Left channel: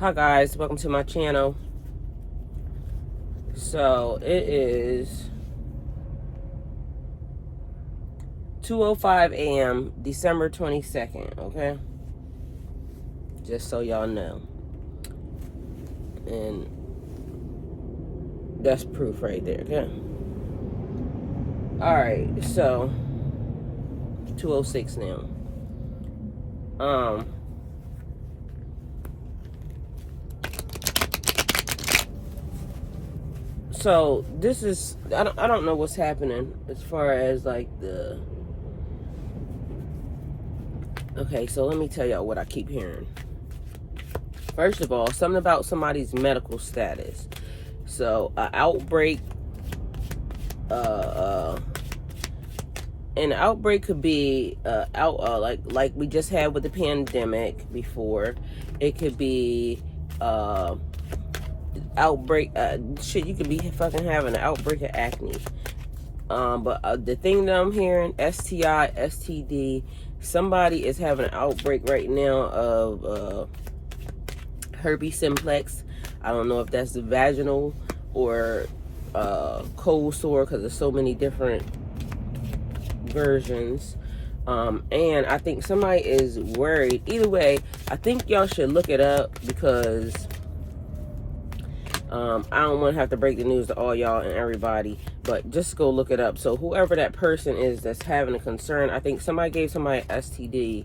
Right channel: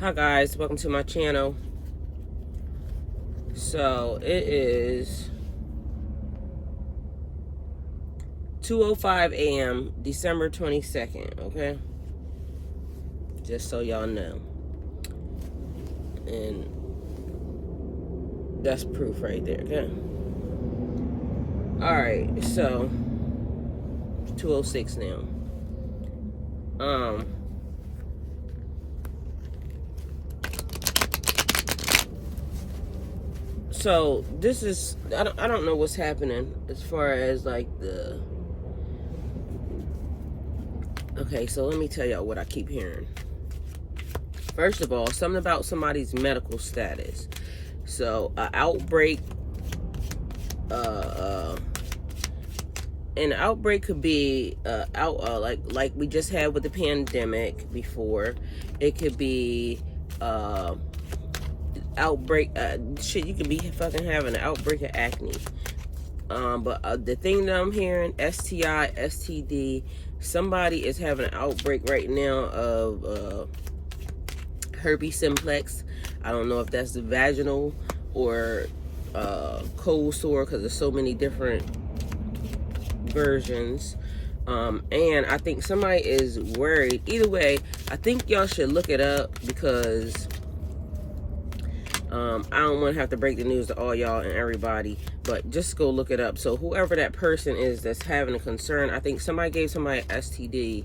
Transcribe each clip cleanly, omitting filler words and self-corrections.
Hi guys, welcome to my channel. So it is 2:05 a.m. December 22nd, okay? Just so y'all know. And that's proof right there, okay? Alright, so 2:06 now. So this is, I don't know what's happening as far as like the, okay, so let me tell y'all what I keep hearing. First of all, something about somebody's medical status. So an outbreak, an outbreak could be like we just had with the pandemic before. It could be outbreak, shit, you could be fucking having an outbreak of acne. But the thing that I'm hearing, STI, STD, somebody is having an outbreak right now of herpes simplex. I don't know if that's the vaginal or cold sore, because there's so many different versions. And I think somebody is worried. Either way, I think y'all should look it up, because I don't want to have to break the news to all y'all and everybody, but just go look it up. So whoever that person is that's having a concern, I think somebody gave somebody STD,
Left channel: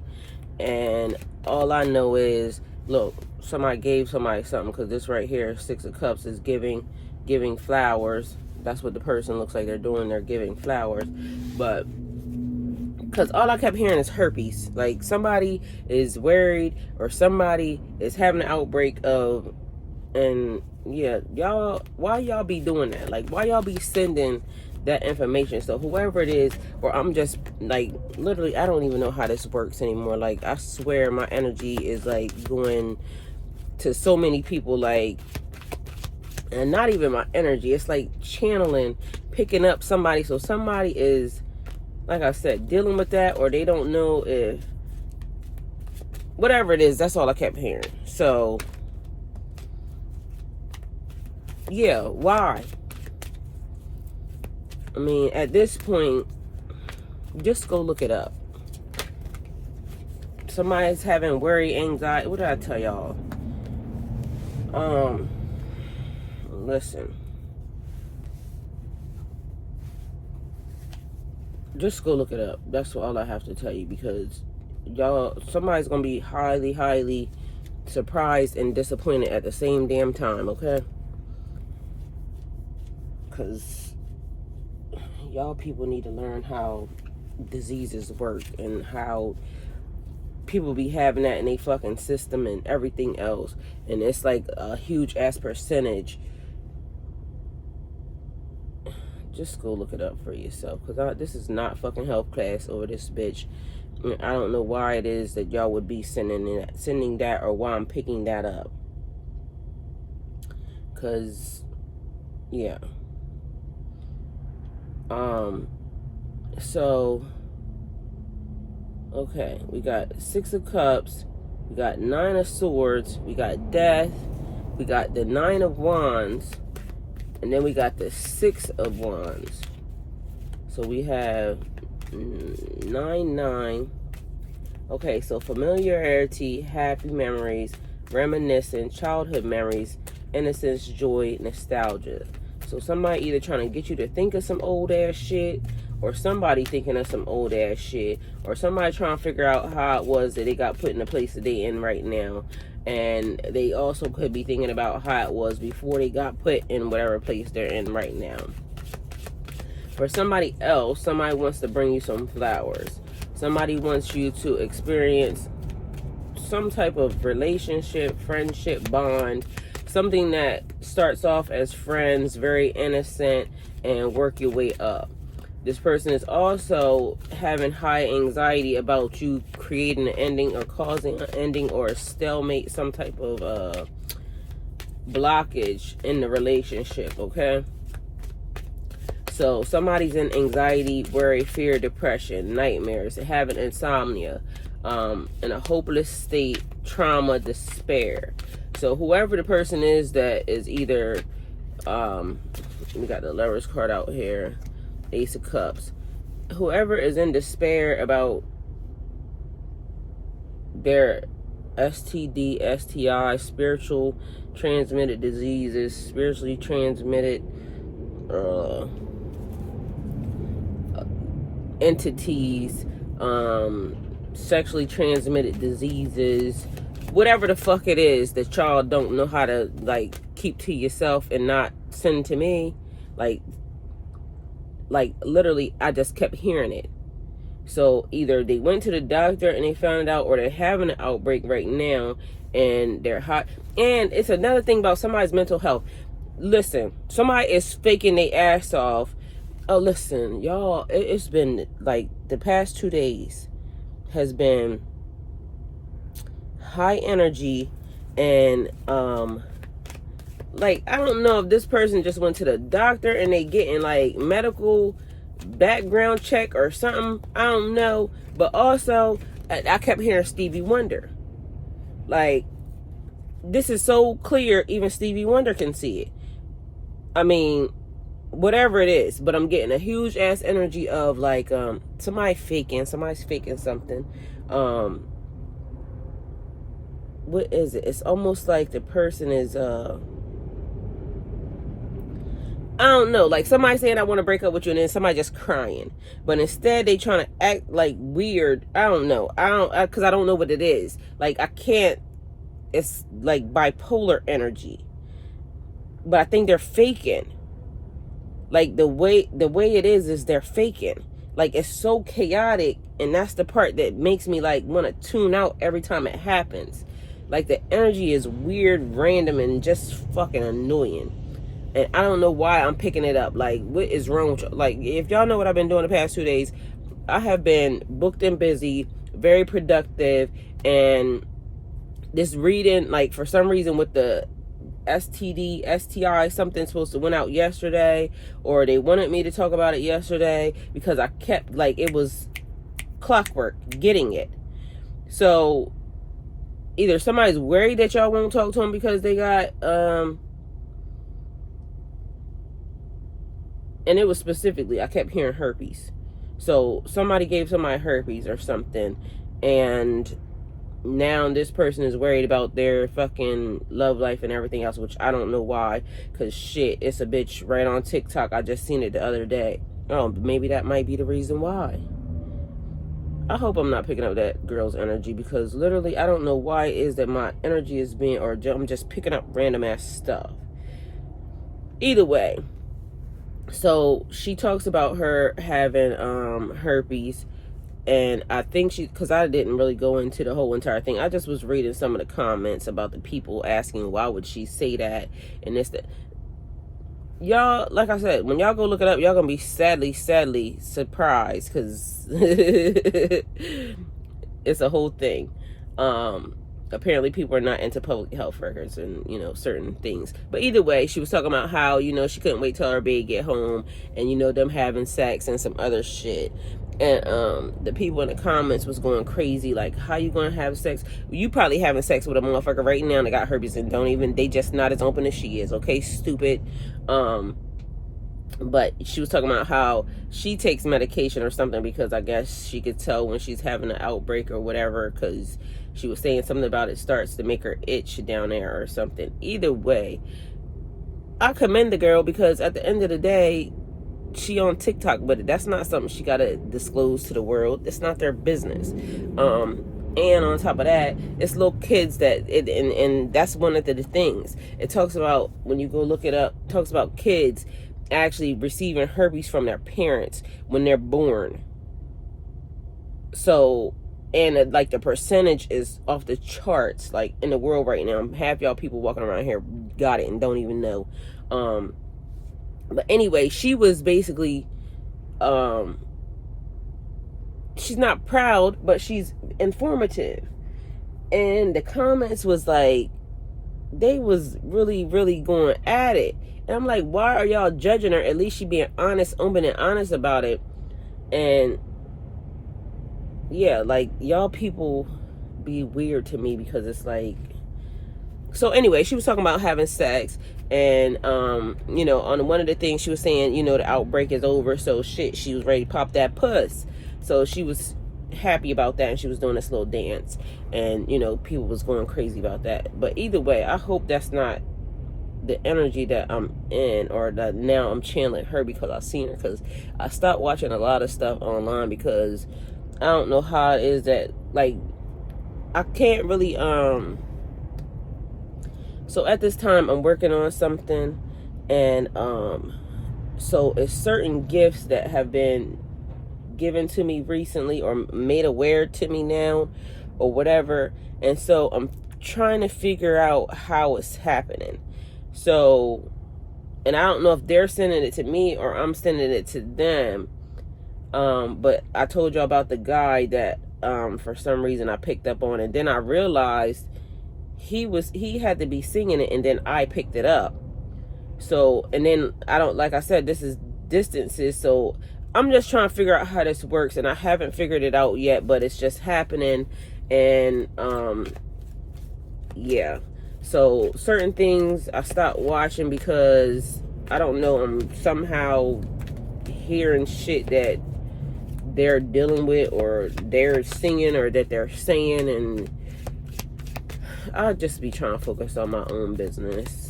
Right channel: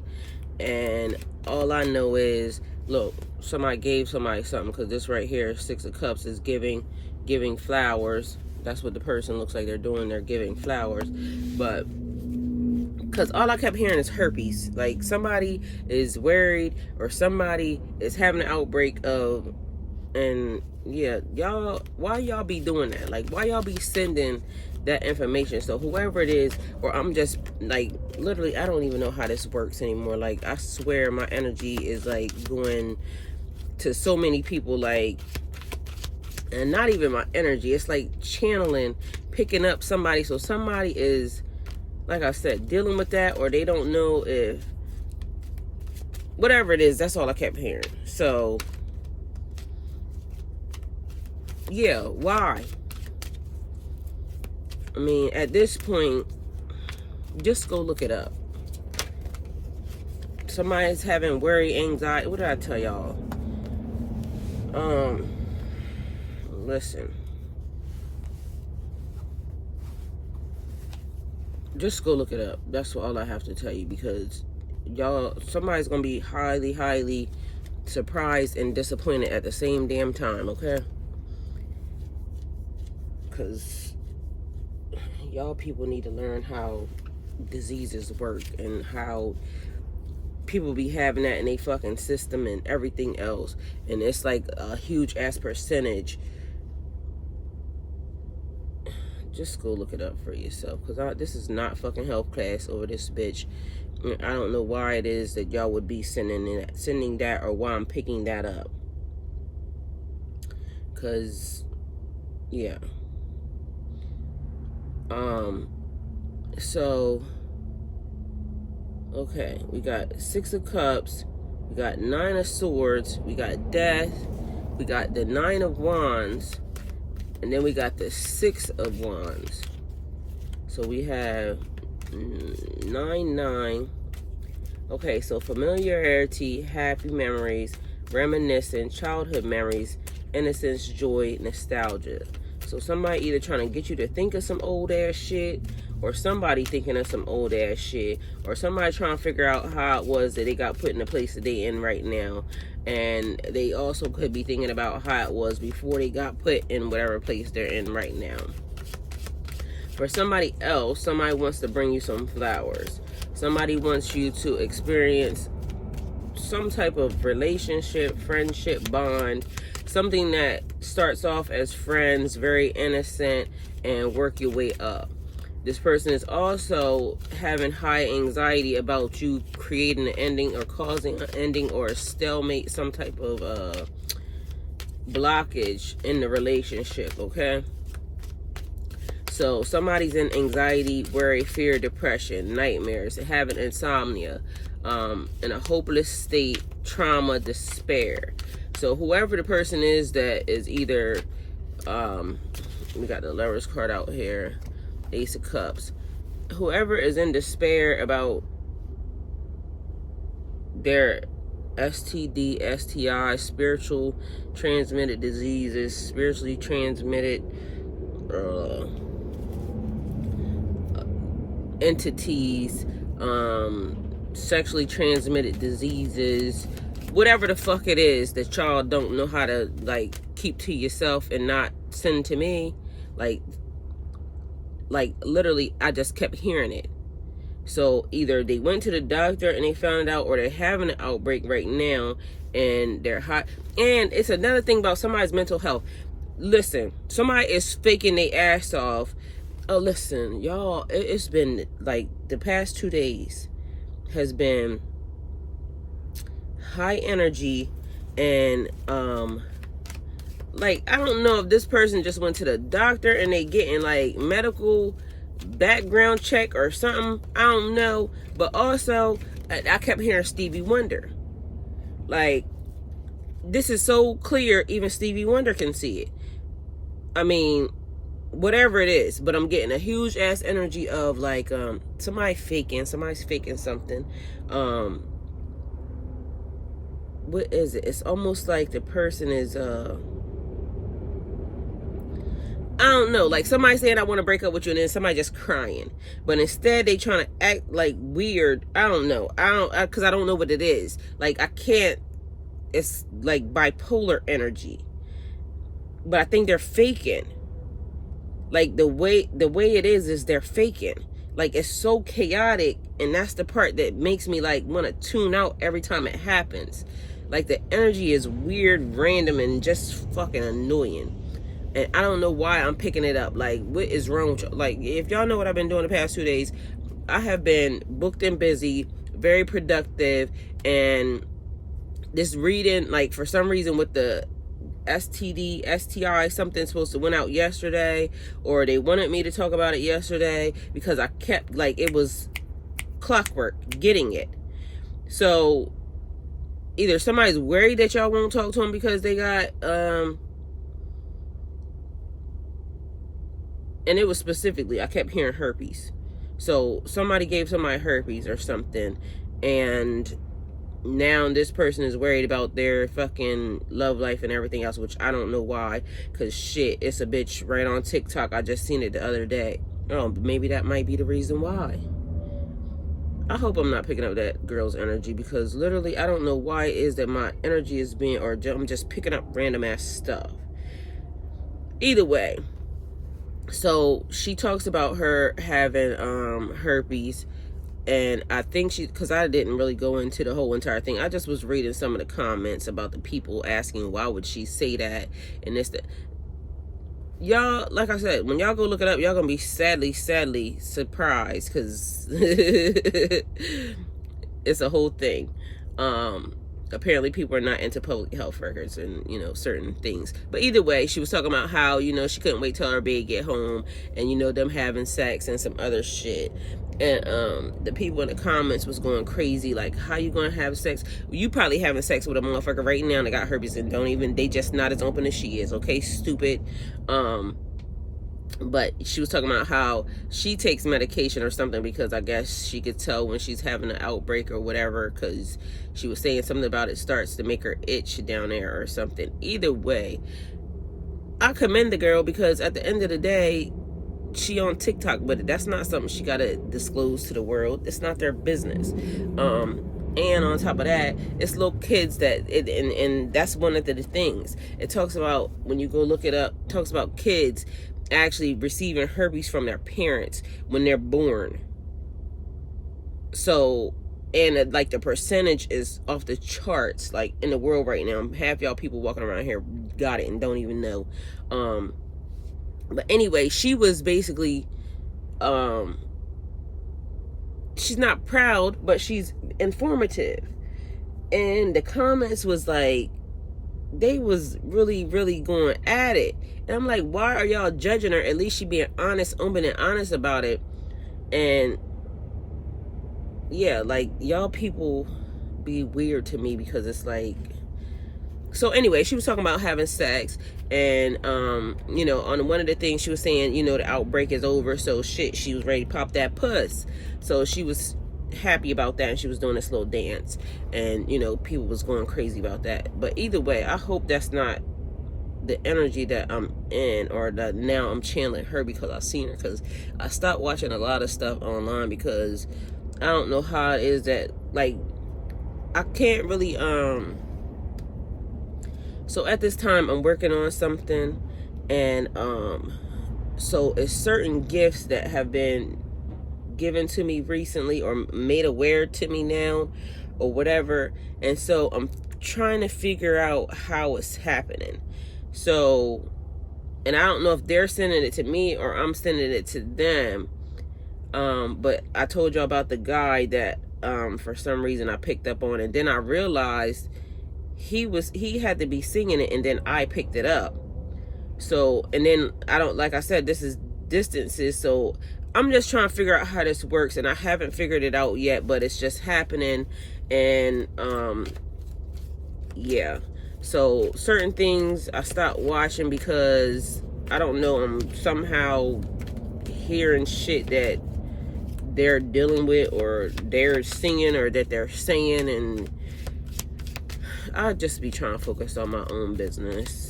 and all I know is, look, somebody gave somebody something, because this right here, 6 of Cups, is giving flowers. That's what the person looks like they're doing. They're giving flowers. But because all I kept hearing is herpes. Like somebody is worried, or somebody is having an outbreak of, and yeah, y'all, why y'all be doing that? Like, why y'all be sending that information? So whoever it is, or I'm just like, literally, I don't even know how this works anymore. Like, I swear my energy is like going to so many people, like, and not even my energy, it's like channeling, picking up somebody. So somebody is, like I said, dealing with that, or they don't know if, whatever it is. That's all I kept hearing. So yeah, why? I mean, at this point, just go look it up. Somebody's having worry, anxiety. What did I tell y'all? Listen. Just go look it up. That's all I have to tell you, because y'all, somebody's gonna be highly, highly surprised and disappointed at the same damn time, okay? Because y'all people need to learn how diseases work, and how people be having that in their fucking system and everything else. And it's like a huge ass percentage. Just go look it up for yourself, because this is not fucking health class over this bitch. I don't know why it is that y'all would be sending that, or why I'm picking that up. Because yeah. So okay, we got 6 of Cups, we got 9 of Swords, we got Death, we got the 9 of Wands, and then we got the 6 of Wands. So we have 9. Okay, so familiarity, happy memories, reminiscing, childhood memories, innocence, joy, nostalgia. So somebody either trying to get you to think of some old ass shit, or somebody thinking of some old ass shit, or somebody trying to figure out how it was that they got put in the place that they in right now. And they also could be thinking about how it was before they got put in whatever place they're in right now. For somebody else, somebody wants to bring you some flowers. Somebody wants you to experience some type of relationship, friendship, bond, something that starts off as friends, very innocent, and work your way up. This person is also having high anxiety about you creating an ending, or causing an ending, or a stalemate, some type of blockage in the relationship, okay? So somebody's in anxiety, worry, fear, depression, nightmares, having insomnia, in a hopeless state, trauma, despair. So whoever the person is that is either, we got the Lovers card out here, Ace of Cups. Whoever is in despair about their STD, STI, spiritual transmitted diseases, spiritually transmitted entities, sexually transmitted diseases, whatever the fuck it is that y'all don't know how to like keep to yourself and not send to me, like literally I just kept hearing it. So either they went to the doctor and they found out, or they're having an outbreak right now and they're hot. And it's another thing about somebody's mental health. Listen, somebody is faking their ass off. Oh, listen, y'all, it's been like the past 2 days has been high energy, and like I don't know if this person just went to the doctor and they getting like medical background check or something, I don't know. But also I kept hearing Stevie Wonder. Like, this is so clear, even Stevie Wonder can see it. I mean, whatever it is, but I'm getting a huge ass energy of like somebody's faking something. What is it? It's almost like the person is I don't know, like somebody saying I want to break up with you, and then somebody just crying. But instead they trying to act like weird. I don't know. Because I don't know what it is. Like I can't. It's like bipolar energy. But I think they're faking. Like the way it is they're faking. Like it's so chaotic, and that's the part that makes me like want to tune out every time it happens. Like the energy is weird, random, and just fucking annoying. And I don't know why I'm picking it up. Like, what is wrong with y'all? Like, if y'all know what I've been doing the past 2 days, I have been booked and busy, very productive, and this reading, like, for some reason with the STD, STI, something supposed to went out yesterday, or they wanted me to talk about it yesterday because I kept, like, it was clockwork getting it. So, either somebody's worried that y'all won't talk to them because they got, and it was specifically, I kept hearing herpes. So somebody gave somebody herpes or something, and now this person is worried about their fucking love life and everything else, which I don't know why, because shit, it's a bitch right on TikTok. I just seen it the other day. Oh, maybe that might be the reason why. I hope I'm not picking up that girl's energy, because literally I don't know why it is that my energy is being, or I'm just picking up random ass stuff. Either way. So she talks about her having herpes, and I think because I didn't really go into the whole entire thing. I just was reading some of the comments about the people asking why would she say that and this, that. Y'all, like I said, when y'all go look it up, y'all gonna be sadly surprised, because it's a whole thing. Apparently people are not into public health records and, you know, certain things. But either way, she was talking about how, you know, she couldn't wait till her baby get home, and, you know, them having sex and some other shit. And the people in the comments was going crazy, like, how you gonna have sex? You probably having sex with a motherfucker right now that got herpes and they just not as open as she is, okay, stupid. But she was talking about how she takes medication or something, because I guess she could tell when she's having an outbreak or whatever, because she was saying something about it starts to make her itch down there or something. Either way, I commend the girl, because at the end of the day, she on TikTok, but that's not something she gotta disclose to the world. It's not their business. And on top of that, it's little kids and that's one of the things. It talks about, when you go look it up, it talks about kids actually receiving herpes from their parents when they're born. So, and like the percentage is off the charts, like in the world right now. Half y'all people walking around here got it and don't even know. But anyway, she was basically, she's not proud, but she's informative. And the comments was like, they was really going at it. And I'm like, why are y'all judging her? At least she being honest, open and honest about it. And yeah, like, y'all people be weird to me, because it's like, So anyway, she was talking about having sex, and you know, on one of the things she was saying, you know, the outbreak is over, so shit, she was ready to pop that puss. So she was happy about that, and she was doing this little dance, and you know, people was going crazy about that. But either way, I hope that's not the energy that I'm in, or that now I'm channeling her because I've seen her. Because I stopped watching a lot of stuff online because I don't know how it is that, like, I can't really so at this time I'm working on something, and so it's certain gifts that have been given to me recently or made aware to me now or whatever, and so I'm trying to figure out how it's happening. So, and I don't know if they're sending it to me or I'm sending it to them, but I told y'all about the guy that for some reason I picked up on, and then I realized he had to be singing it, and then I picked it up. So, and then I don't, like I said, this is distances, so I'm just trying to figure out how this works, and I haven't figured it out yet, but it's just happening. And yeah, so certain things I stopped watching because I don't know, I'm somehow hearing shit that they're dealing with, or they're singing, or that they're saying, and I'll just be trying to focus on my own business,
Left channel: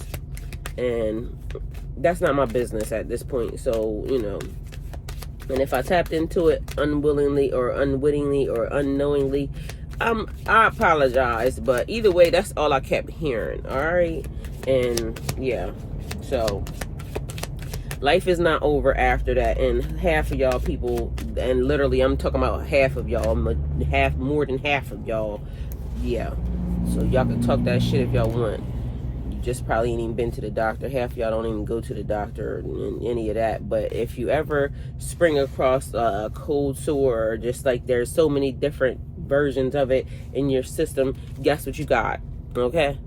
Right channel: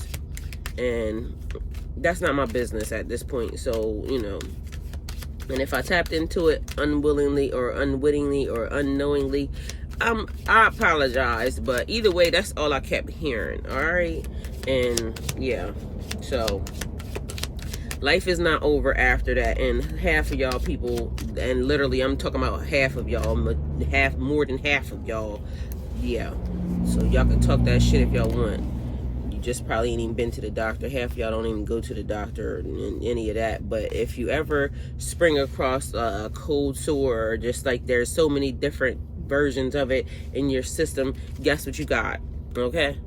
and that's not my business at this point. So, you know, and if I tapped into it unwillingly or unwittingly or unknowingly, I apologize, but either way, that's all I kept hearing. All right, and yeah, so life is not over after that. And half of y'all people, and literally I'm talking about half of y'all, more than half of y'all, yeah, so y'all can talk that shit if y'all want. You just probably ain't even been to the doctor. Half of y'all don't even go to the doctor and any of that. But if you ever spring across a cold sore, or just like there's so many different versions of it in your system, guess what you got? Okay,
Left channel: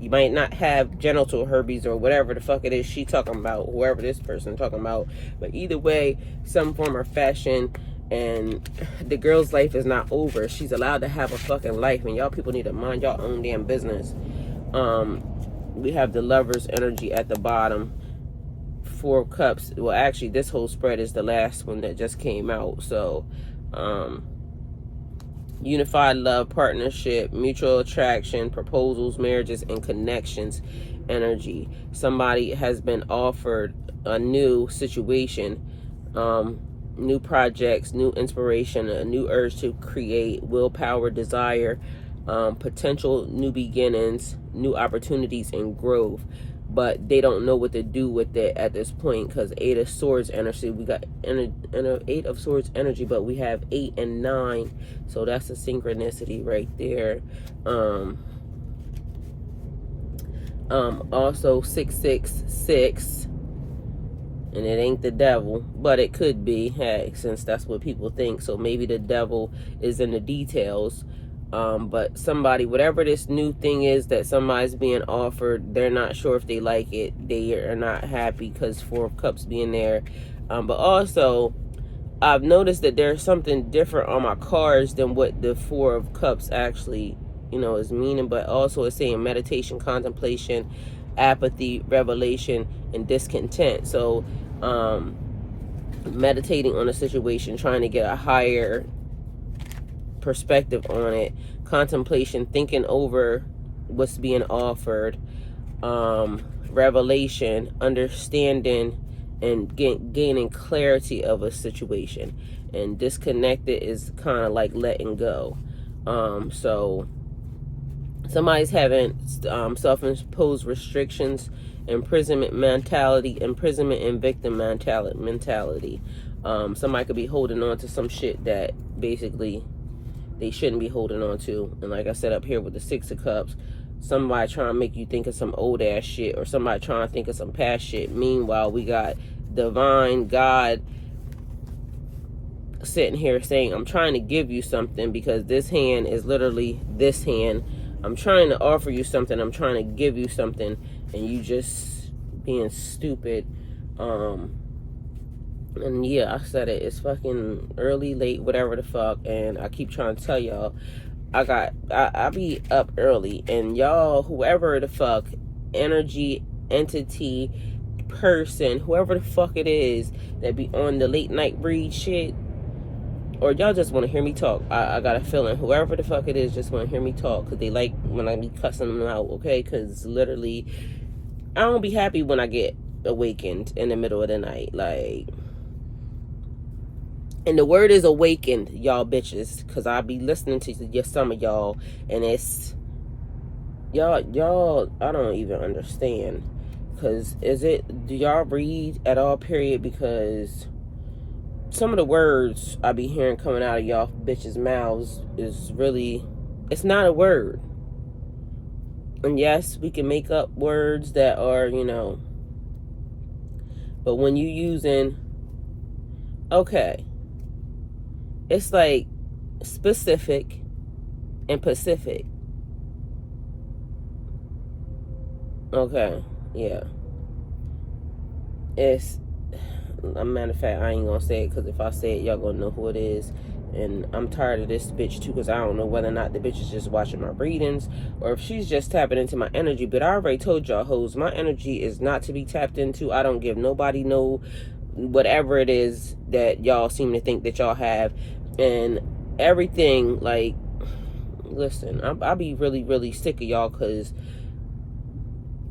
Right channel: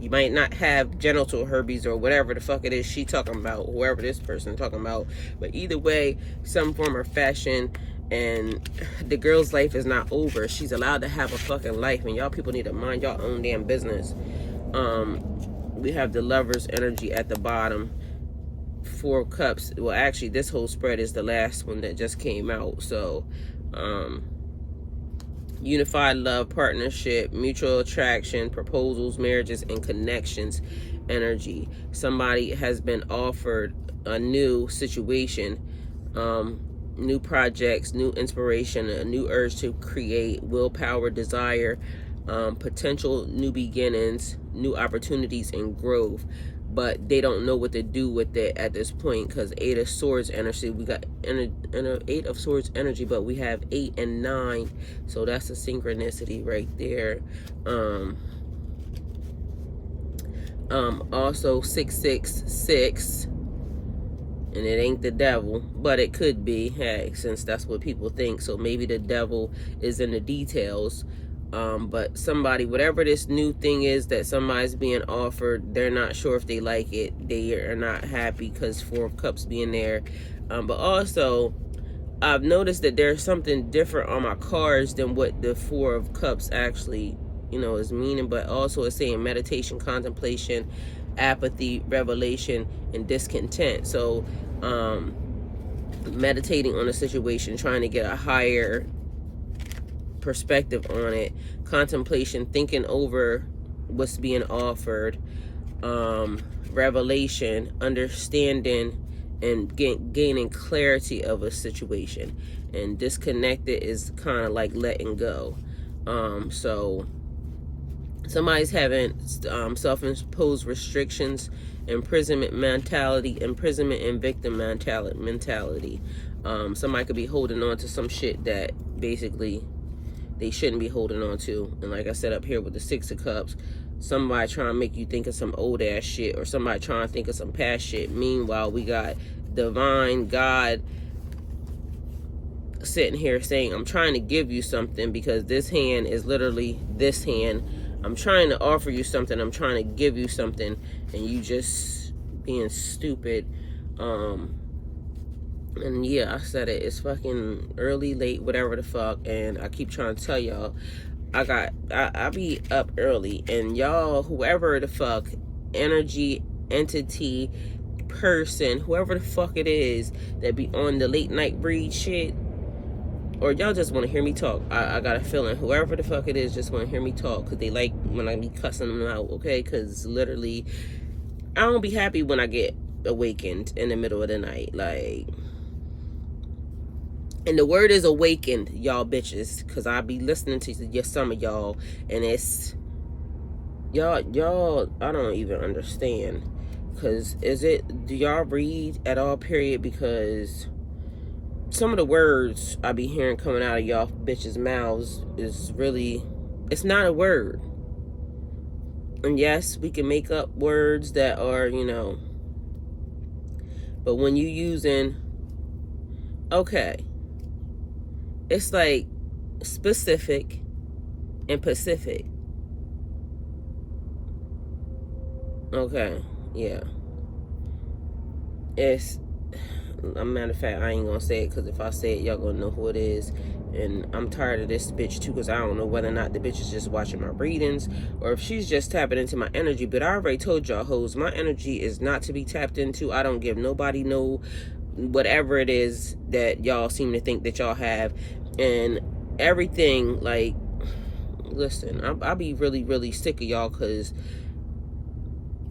you might not have genital herpes or whatever the fuck it is she talking about, whoever this person talking about, but either way, some form or fashion. And the girl's life is not over. She's allowed to have a fucking life, and y'all people need to mind y'all own damn business. We have the Lover's energy at the bottom, 4 of Cups. Well, actually, this whole spread is the last one that just came out. So unified love, partnership, mutual attraction, proposals, marriages, and connections energy. Somebody has been offered a new situation, new projects, new inspiration, a new urge to create, willpower, desire, potential new beginnings, new opportunities, and growth. But they don't know what to do with it at this point, because 8 of Swords energy, we got 8 of Swords energy, but we have 8 and 9, so that's a synchronicity right there. Also 666, and it ain't the devil, but it could be, hey, since that's what people think. So maybe the devil is in the details. But somebody, whatever this new thing is that somebody's being offered, they're not sure if they like it. They are not happy because 4 of Cups being there. But also, I've noticed that there's something different on my cards than what the 4 of Cups actually, you know, is meaning. But also it's saying meditation, contemplation, apathy, revelation, and discontent. So meditating on a situation, trying to get a higher perspective on it, contemplation, thinking over what's being offered, revelation, understanding, and gaining clarity of a situation. And disconnected is kind of like letting go. So somebody's having self-imposed restrictions, imprisonment mentality, imprisonment and victim mentality. Somebody could be holding on to some shit that basically they shouldn't be holding on to. And like I said up here with the 6 of Cups, somebody trying to make you think of some old ass shit, or somebody trying to think of some past shit. Meanwhile, we got divine God sitting here saying, I'm trying to give you something, because this hand is literally this hand. I'm trying to offer you something, I'm trying to give you something, and you just being stupid. And yeah, I said it, it's fucking early, late, whatever the fuck, and I keep trying to tell y'all, I be up early, and y'all, whoever the fuck, energy, entity, person, whoever the fuck it is that be on the late night breed shit, or y'all just want to hear me talk. I got a feeling whoever the fuck it is just want to hear me talk, because they like when I be cussing them out, okay? Because literally, I don't be happy when I get awakened in the middle of the night, like. And the word is awakened, y'all bitches, because I be listening to some of y'all, and it's y'all I don't even understand. Because do y'all read at all, period? Because some of the words I be hearing coming out of y'all bitches' mouths is really, it's not a word. And yes, we can make up words that are, you know, but when you using, okay, it's like specific and Pacific. Okay, yeah. It's, a matter of fact, I ain't gonna say it, because if I say it, y'all gonna know who it is. And I'm tired of this bitch too, because I don't know whether or not the bitch is just watching my readings or if she's just tapping into my energy. But I already told y'all hoes, my energy is not to be tapped into. I don't give nobody no whatever it is that y'all seem to think that y'all have. And everything, like, listen, I be really, really sick of y'all, because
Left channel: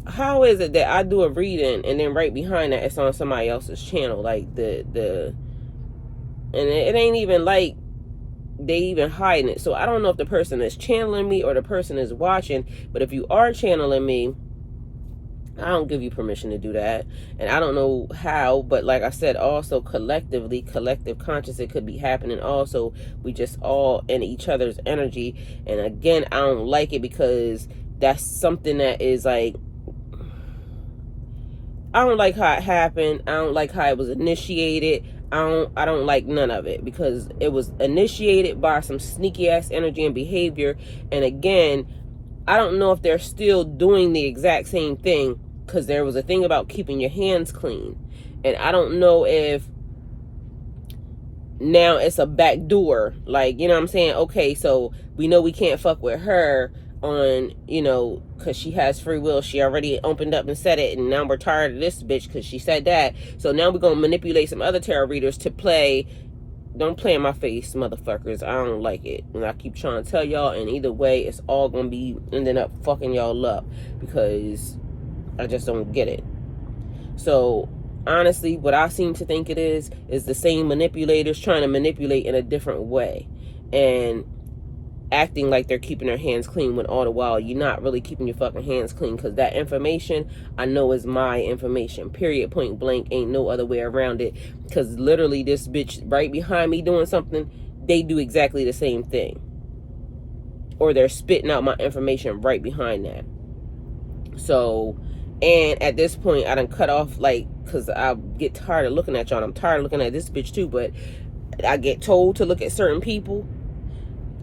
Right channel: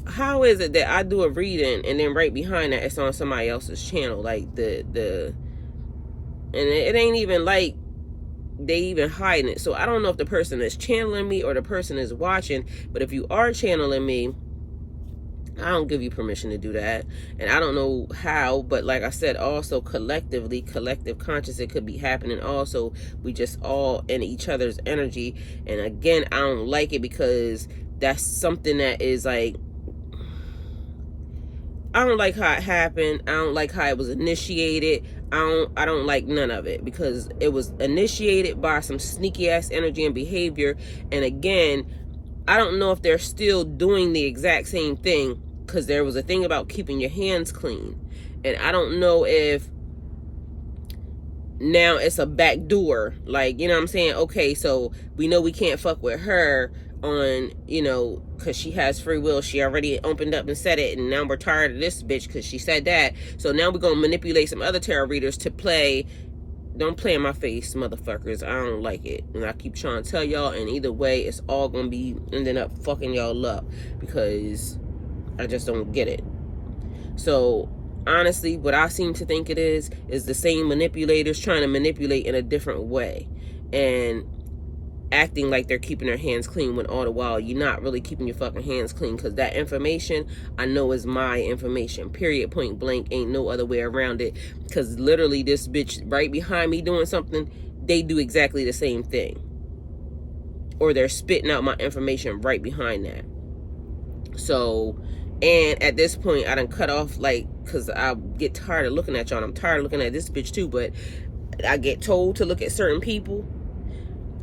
how is it that I do a reading and then right behind that it's on somebody else's channel? Like, and it ain't even like they even hiding it. So I don't know if the person is channeling me or the person is watching, but if you are channeling me, I don't give you permission to do that. And I don't know how, but like I said, also collectively, collective conscious, it could be happening also. We just all in each other's energy. And again, I don't like it, because that's something that is like, I don't like how it happened. I don't like how it was initiated. I don't like none of it, because it was initiated by some sneaky ass energy and behavior. And again, I don't know if they're still doing the exact same thing, because there was a thing about keeping your hands clean. And I don't know if now it's a back door, like, you know what I'm saying? Okay, so we know we can't fuck with her on, you know, because she has free will. She already opened up and said it, and now we're tired of this bitch because she said that. So now we're going to manipulate some other tarot readers to play. Don't play in my face, motherfuckers. I don't like it. And I keep trying to tell y'all, and either way, it's all going to be ending up fucking y'all up, because I just don't get it. So honestly, what I seem to think it is the same manipulators trying to manipulate in a different way, and acting like they're keeping their hands clean, when all the while you're not really keeping your fucking hands clean, because that information I know is my information, period, point blank. Ain't no other way around it, because literally this bitch right behind me doing something, they do exactly the same thing, or they're spitting out my information right behind that. So, and at this point I done cut off, like, because I get tired of looking at y'all, and I'm tired of looking at this bitch too, but I get told to look at certain people.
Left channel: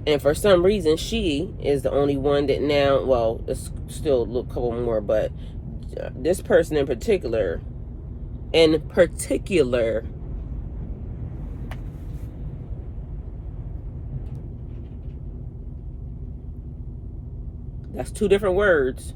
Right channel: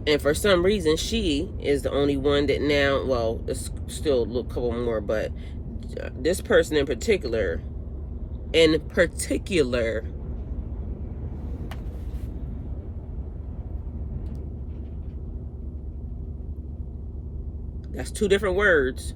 And for some reason, she is the only one that now, well, there's still a couple more, but this person in particular, that's two different words.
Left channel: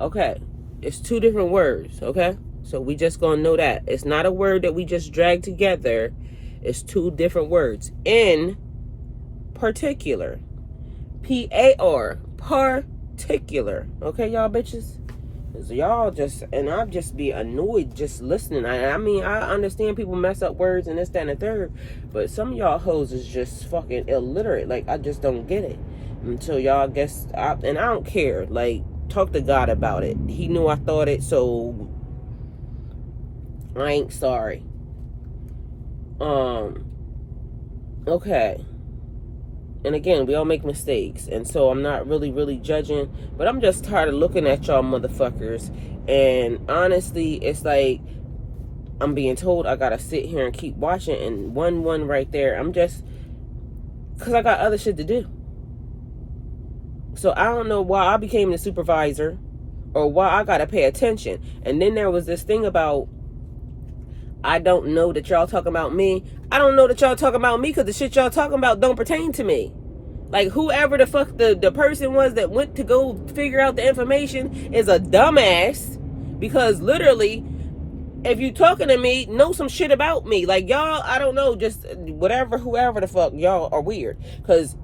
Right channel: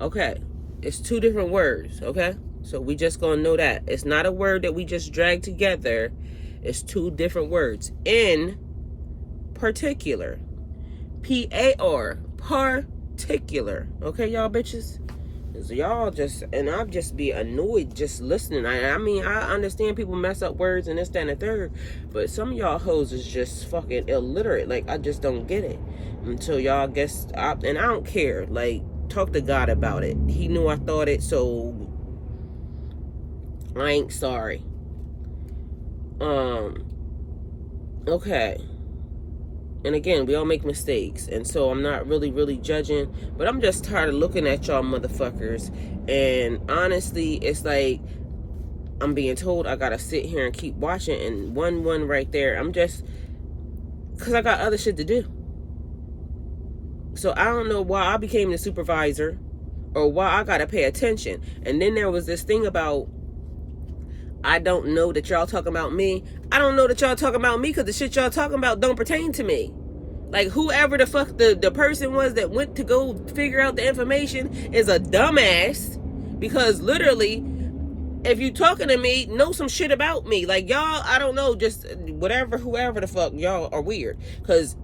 Okay, it's two different words, okay? So we just gonna know that. It's not a word that we just drag together. It's two different words. In particular. P-A-R. Particular. Okay, y'all bitches? So y'all just, and I'll just be annoyed just listening. I mean, I understand people mess up words and this, that, and the third, but some of y'all hoes is just fucking illiterate. Like, I just don't get it. Until y'all guess, and I don't care. Like, talk to God about it. He knew I thought it, so I ain't sorry. Okay. And again, we all make mistakes, and so I'm not really judging, but I'm just tired of looking at y'all motherfuckers. And honestly, it's like I'm being told I gotta sit here and keep watching, and one right there, I'm just, because I got other shit to do. So I don't know why I became the supervisor or why I gotta pay attention. And then there was this thing about, I don't know that y'all talking about me. I don't know that y'all talking about me because the shit y'all talking about don't pertain to me. Like, whoever the fuck the person was that went to go figure out the information is a dumbass. Because literally, if you talking to me, know some shit about me. Like, y'all, I don't know, just whatever, whoever the fuck, y'all are weird. Because,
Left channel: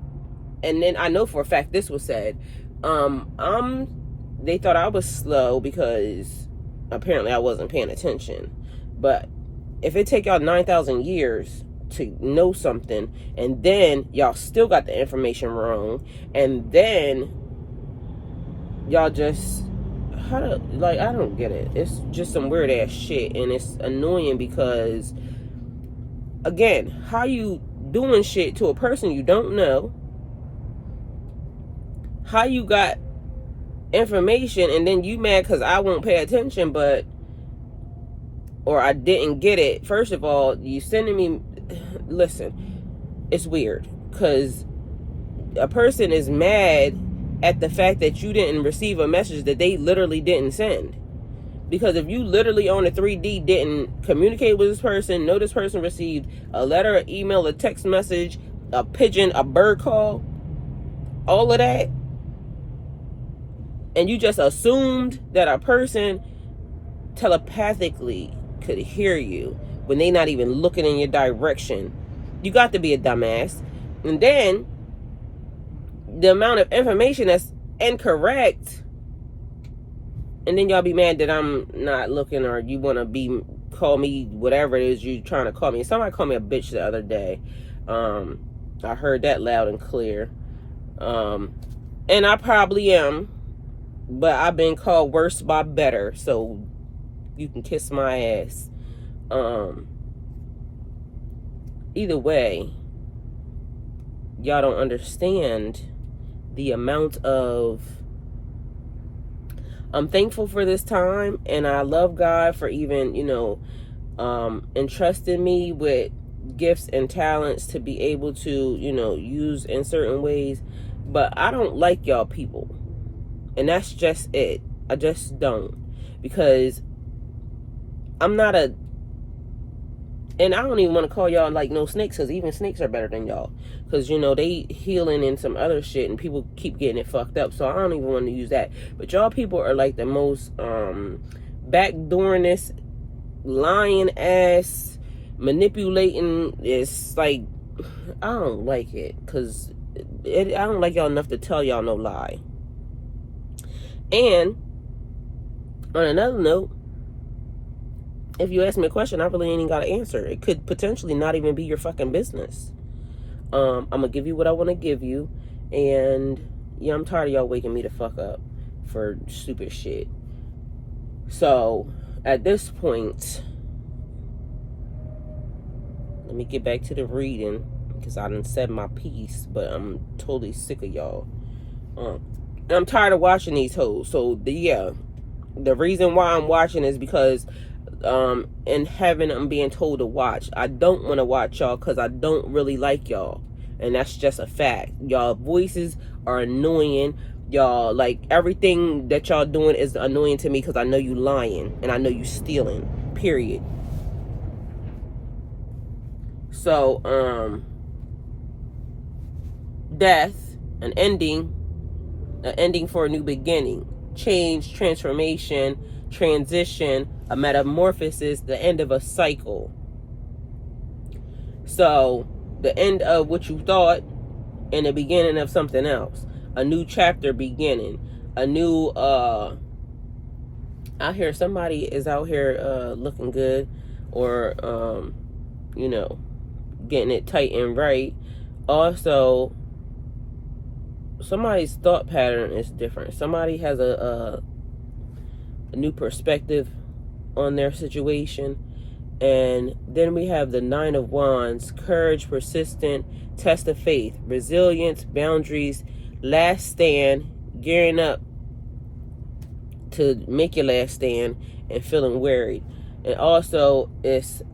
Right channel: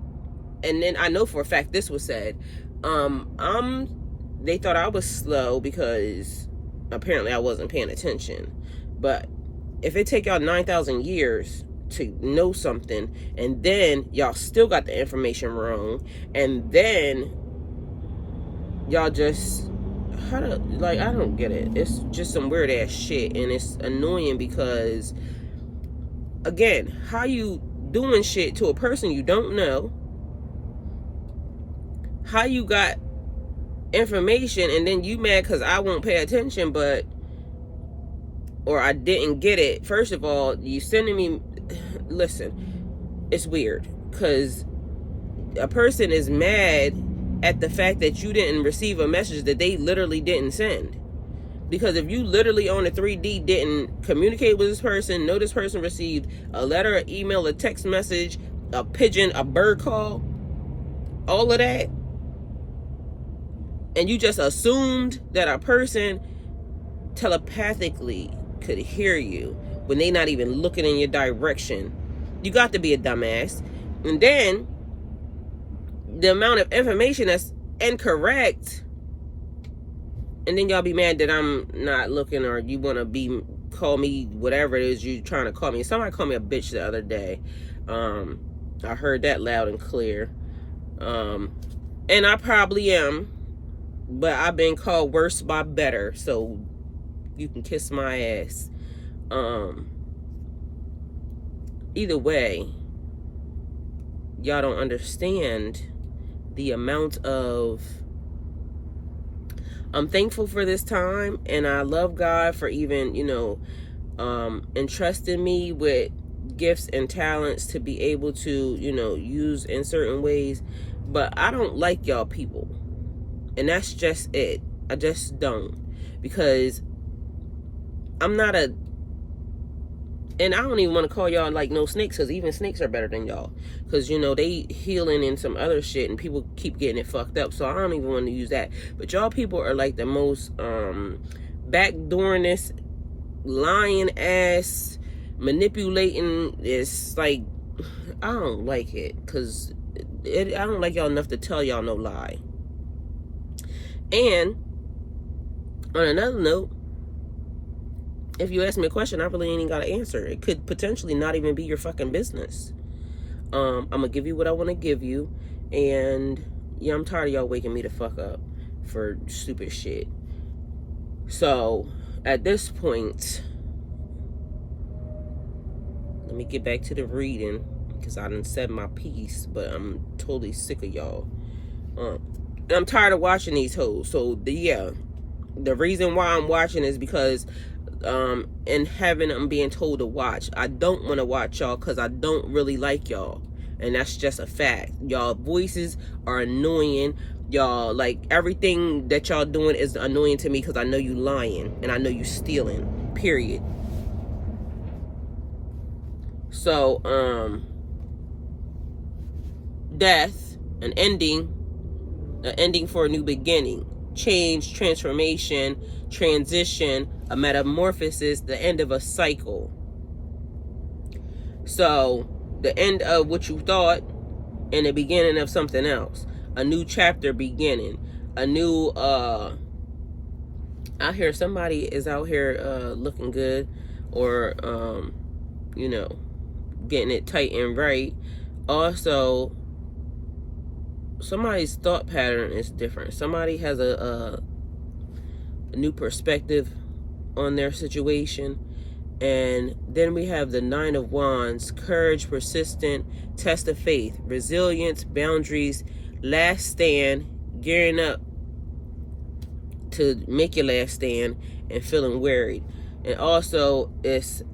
and then I know for a fact this was said, they thought I was slow because apparently I wasn't paying attention. But if it take y'all 9,000 years to know something, and then y'all still got the information wrong, and then y'all just, I don't get it. It's just some weird ass shit, and it's annoying because, again, how you doing shit to a person you don't know, how you got information, and then you mad because I won't pay attention, or I didn't get it. First of all, you sending me, listen, it's weird, because a person is mad at the fact that you didn't receive a message that they literally didn't send. Because if you literally on a 3D didn't communicate with this person, know this person received a letter, an email, a text message, a pigeon, a bird call, all of that, and you just assumed that a person telepathically could hear you when they not even looking in your direction, you got to be a dumbass. And then the amount of information that's incorrect, and then y'all be mad that I'm not looking, or you want to call me whatever it is you trying to call me. Somebody called me a bitch the other day. I heard that loud and clear, and I probably am, but I've been called worse by better, so you can kiss my ass. Either way, y'all don't understand the amount of, I'm thankful for this time, and I love God for even, entrusting me with gifts and talents to be able to, use in certain ways. But I don't like y'all people, and that's just it. I just don't, because I'm not and I don't even want to call y'all like no snakes, because even snakes are better than y'all, because they healing in some other shit and people keep getting it fucked up, so I don't even want to use that. But y'all people are like the most backdooringest, lying ass, manipulating. It's like, I don't like it, because I don't like y'all enough to tell y'all no lie. And on another note, if you ask me a question, I really ain't got to answer. It could potentially not even be your fucking business. I'm going to give you what I want to give you. And, yeah, I'm tired of y'all waking me the fuck up for stupid shit. So, at this point, let me get back to the reading, because I done said my piece, but I'm totally sick of y'all. I'm tired of watching these hoes. So, the reason why I'm watching is because in heaven I'm being told to watch. I don't want to watch y'all because I don't really like y'all, and that's just a fact. Y'all voices are annoying. Y'all, like, everything that y'all doing is annoying to me, because I know you lying and I know you stealing, period. So death, an ending for a new beginning, change, transformation, transition, a metamorphosis, the end of a cycle. So the end of what you thought and the beginning of something else, a new chapter beginning, a new I hear somebody is out here looking good, or getting it tight and right. Also, somebody's thought pattern is different. Somebody has a new perspective on their situation. And then we have the Nine of Wands: courage, persistent, test of faith, resilience, boundaries, last stand, gearing up to make your last stand, and feeling wearied. And also,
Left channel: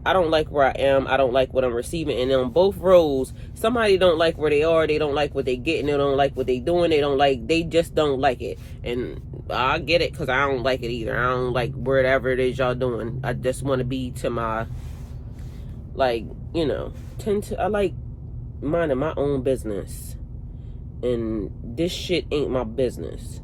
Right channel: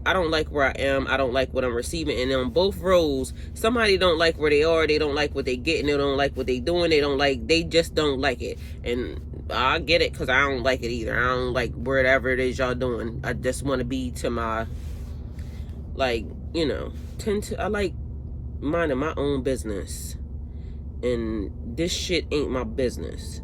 I don't like where I am, I don't like what I'm receiving. And on both roles, somebody don't like where they are, they don't like what they getting, they don't like what they doing, they just don't like it. And I get it, because I don't like it either. I don't like whatever it is y'all doing. I just want to be to my, like, you know, I like minding my own business. And this shit ain't my business.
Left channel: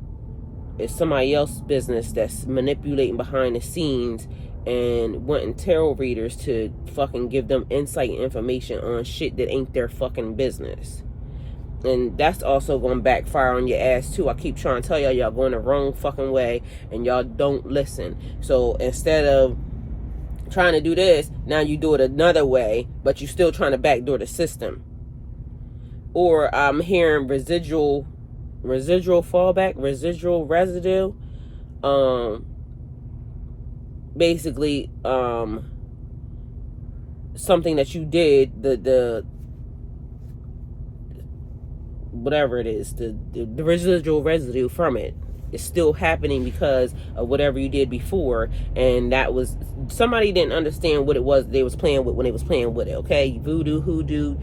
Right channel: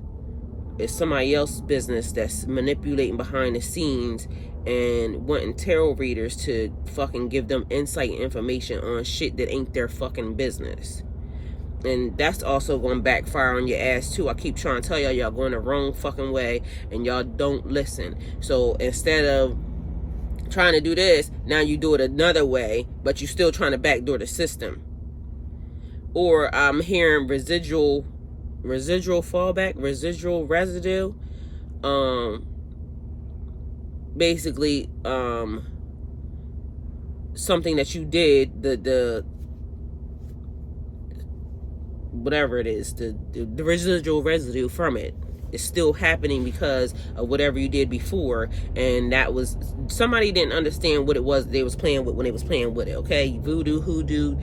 It's somebody else's business that's manipulating behind the scenes and wanting tarot readers to fucking give them insight and information on shit that ain't their fucking business. And that's also going to backfire on your ass too. I keep trying to tell y'all going the wrong fucking way and y'all don't listen. So instead of trying to do this, now you do it another way, but you still trying to backdoor the system. Or I'm hearing residual fallback, residual residue. Basically, something that you did, the whatever it is, the residual residue from it is still happening because of whatever you did before. And that was, somebody didn't understand what it was they was playing with when they was playing with it. Okay, voodoo, hoodoo,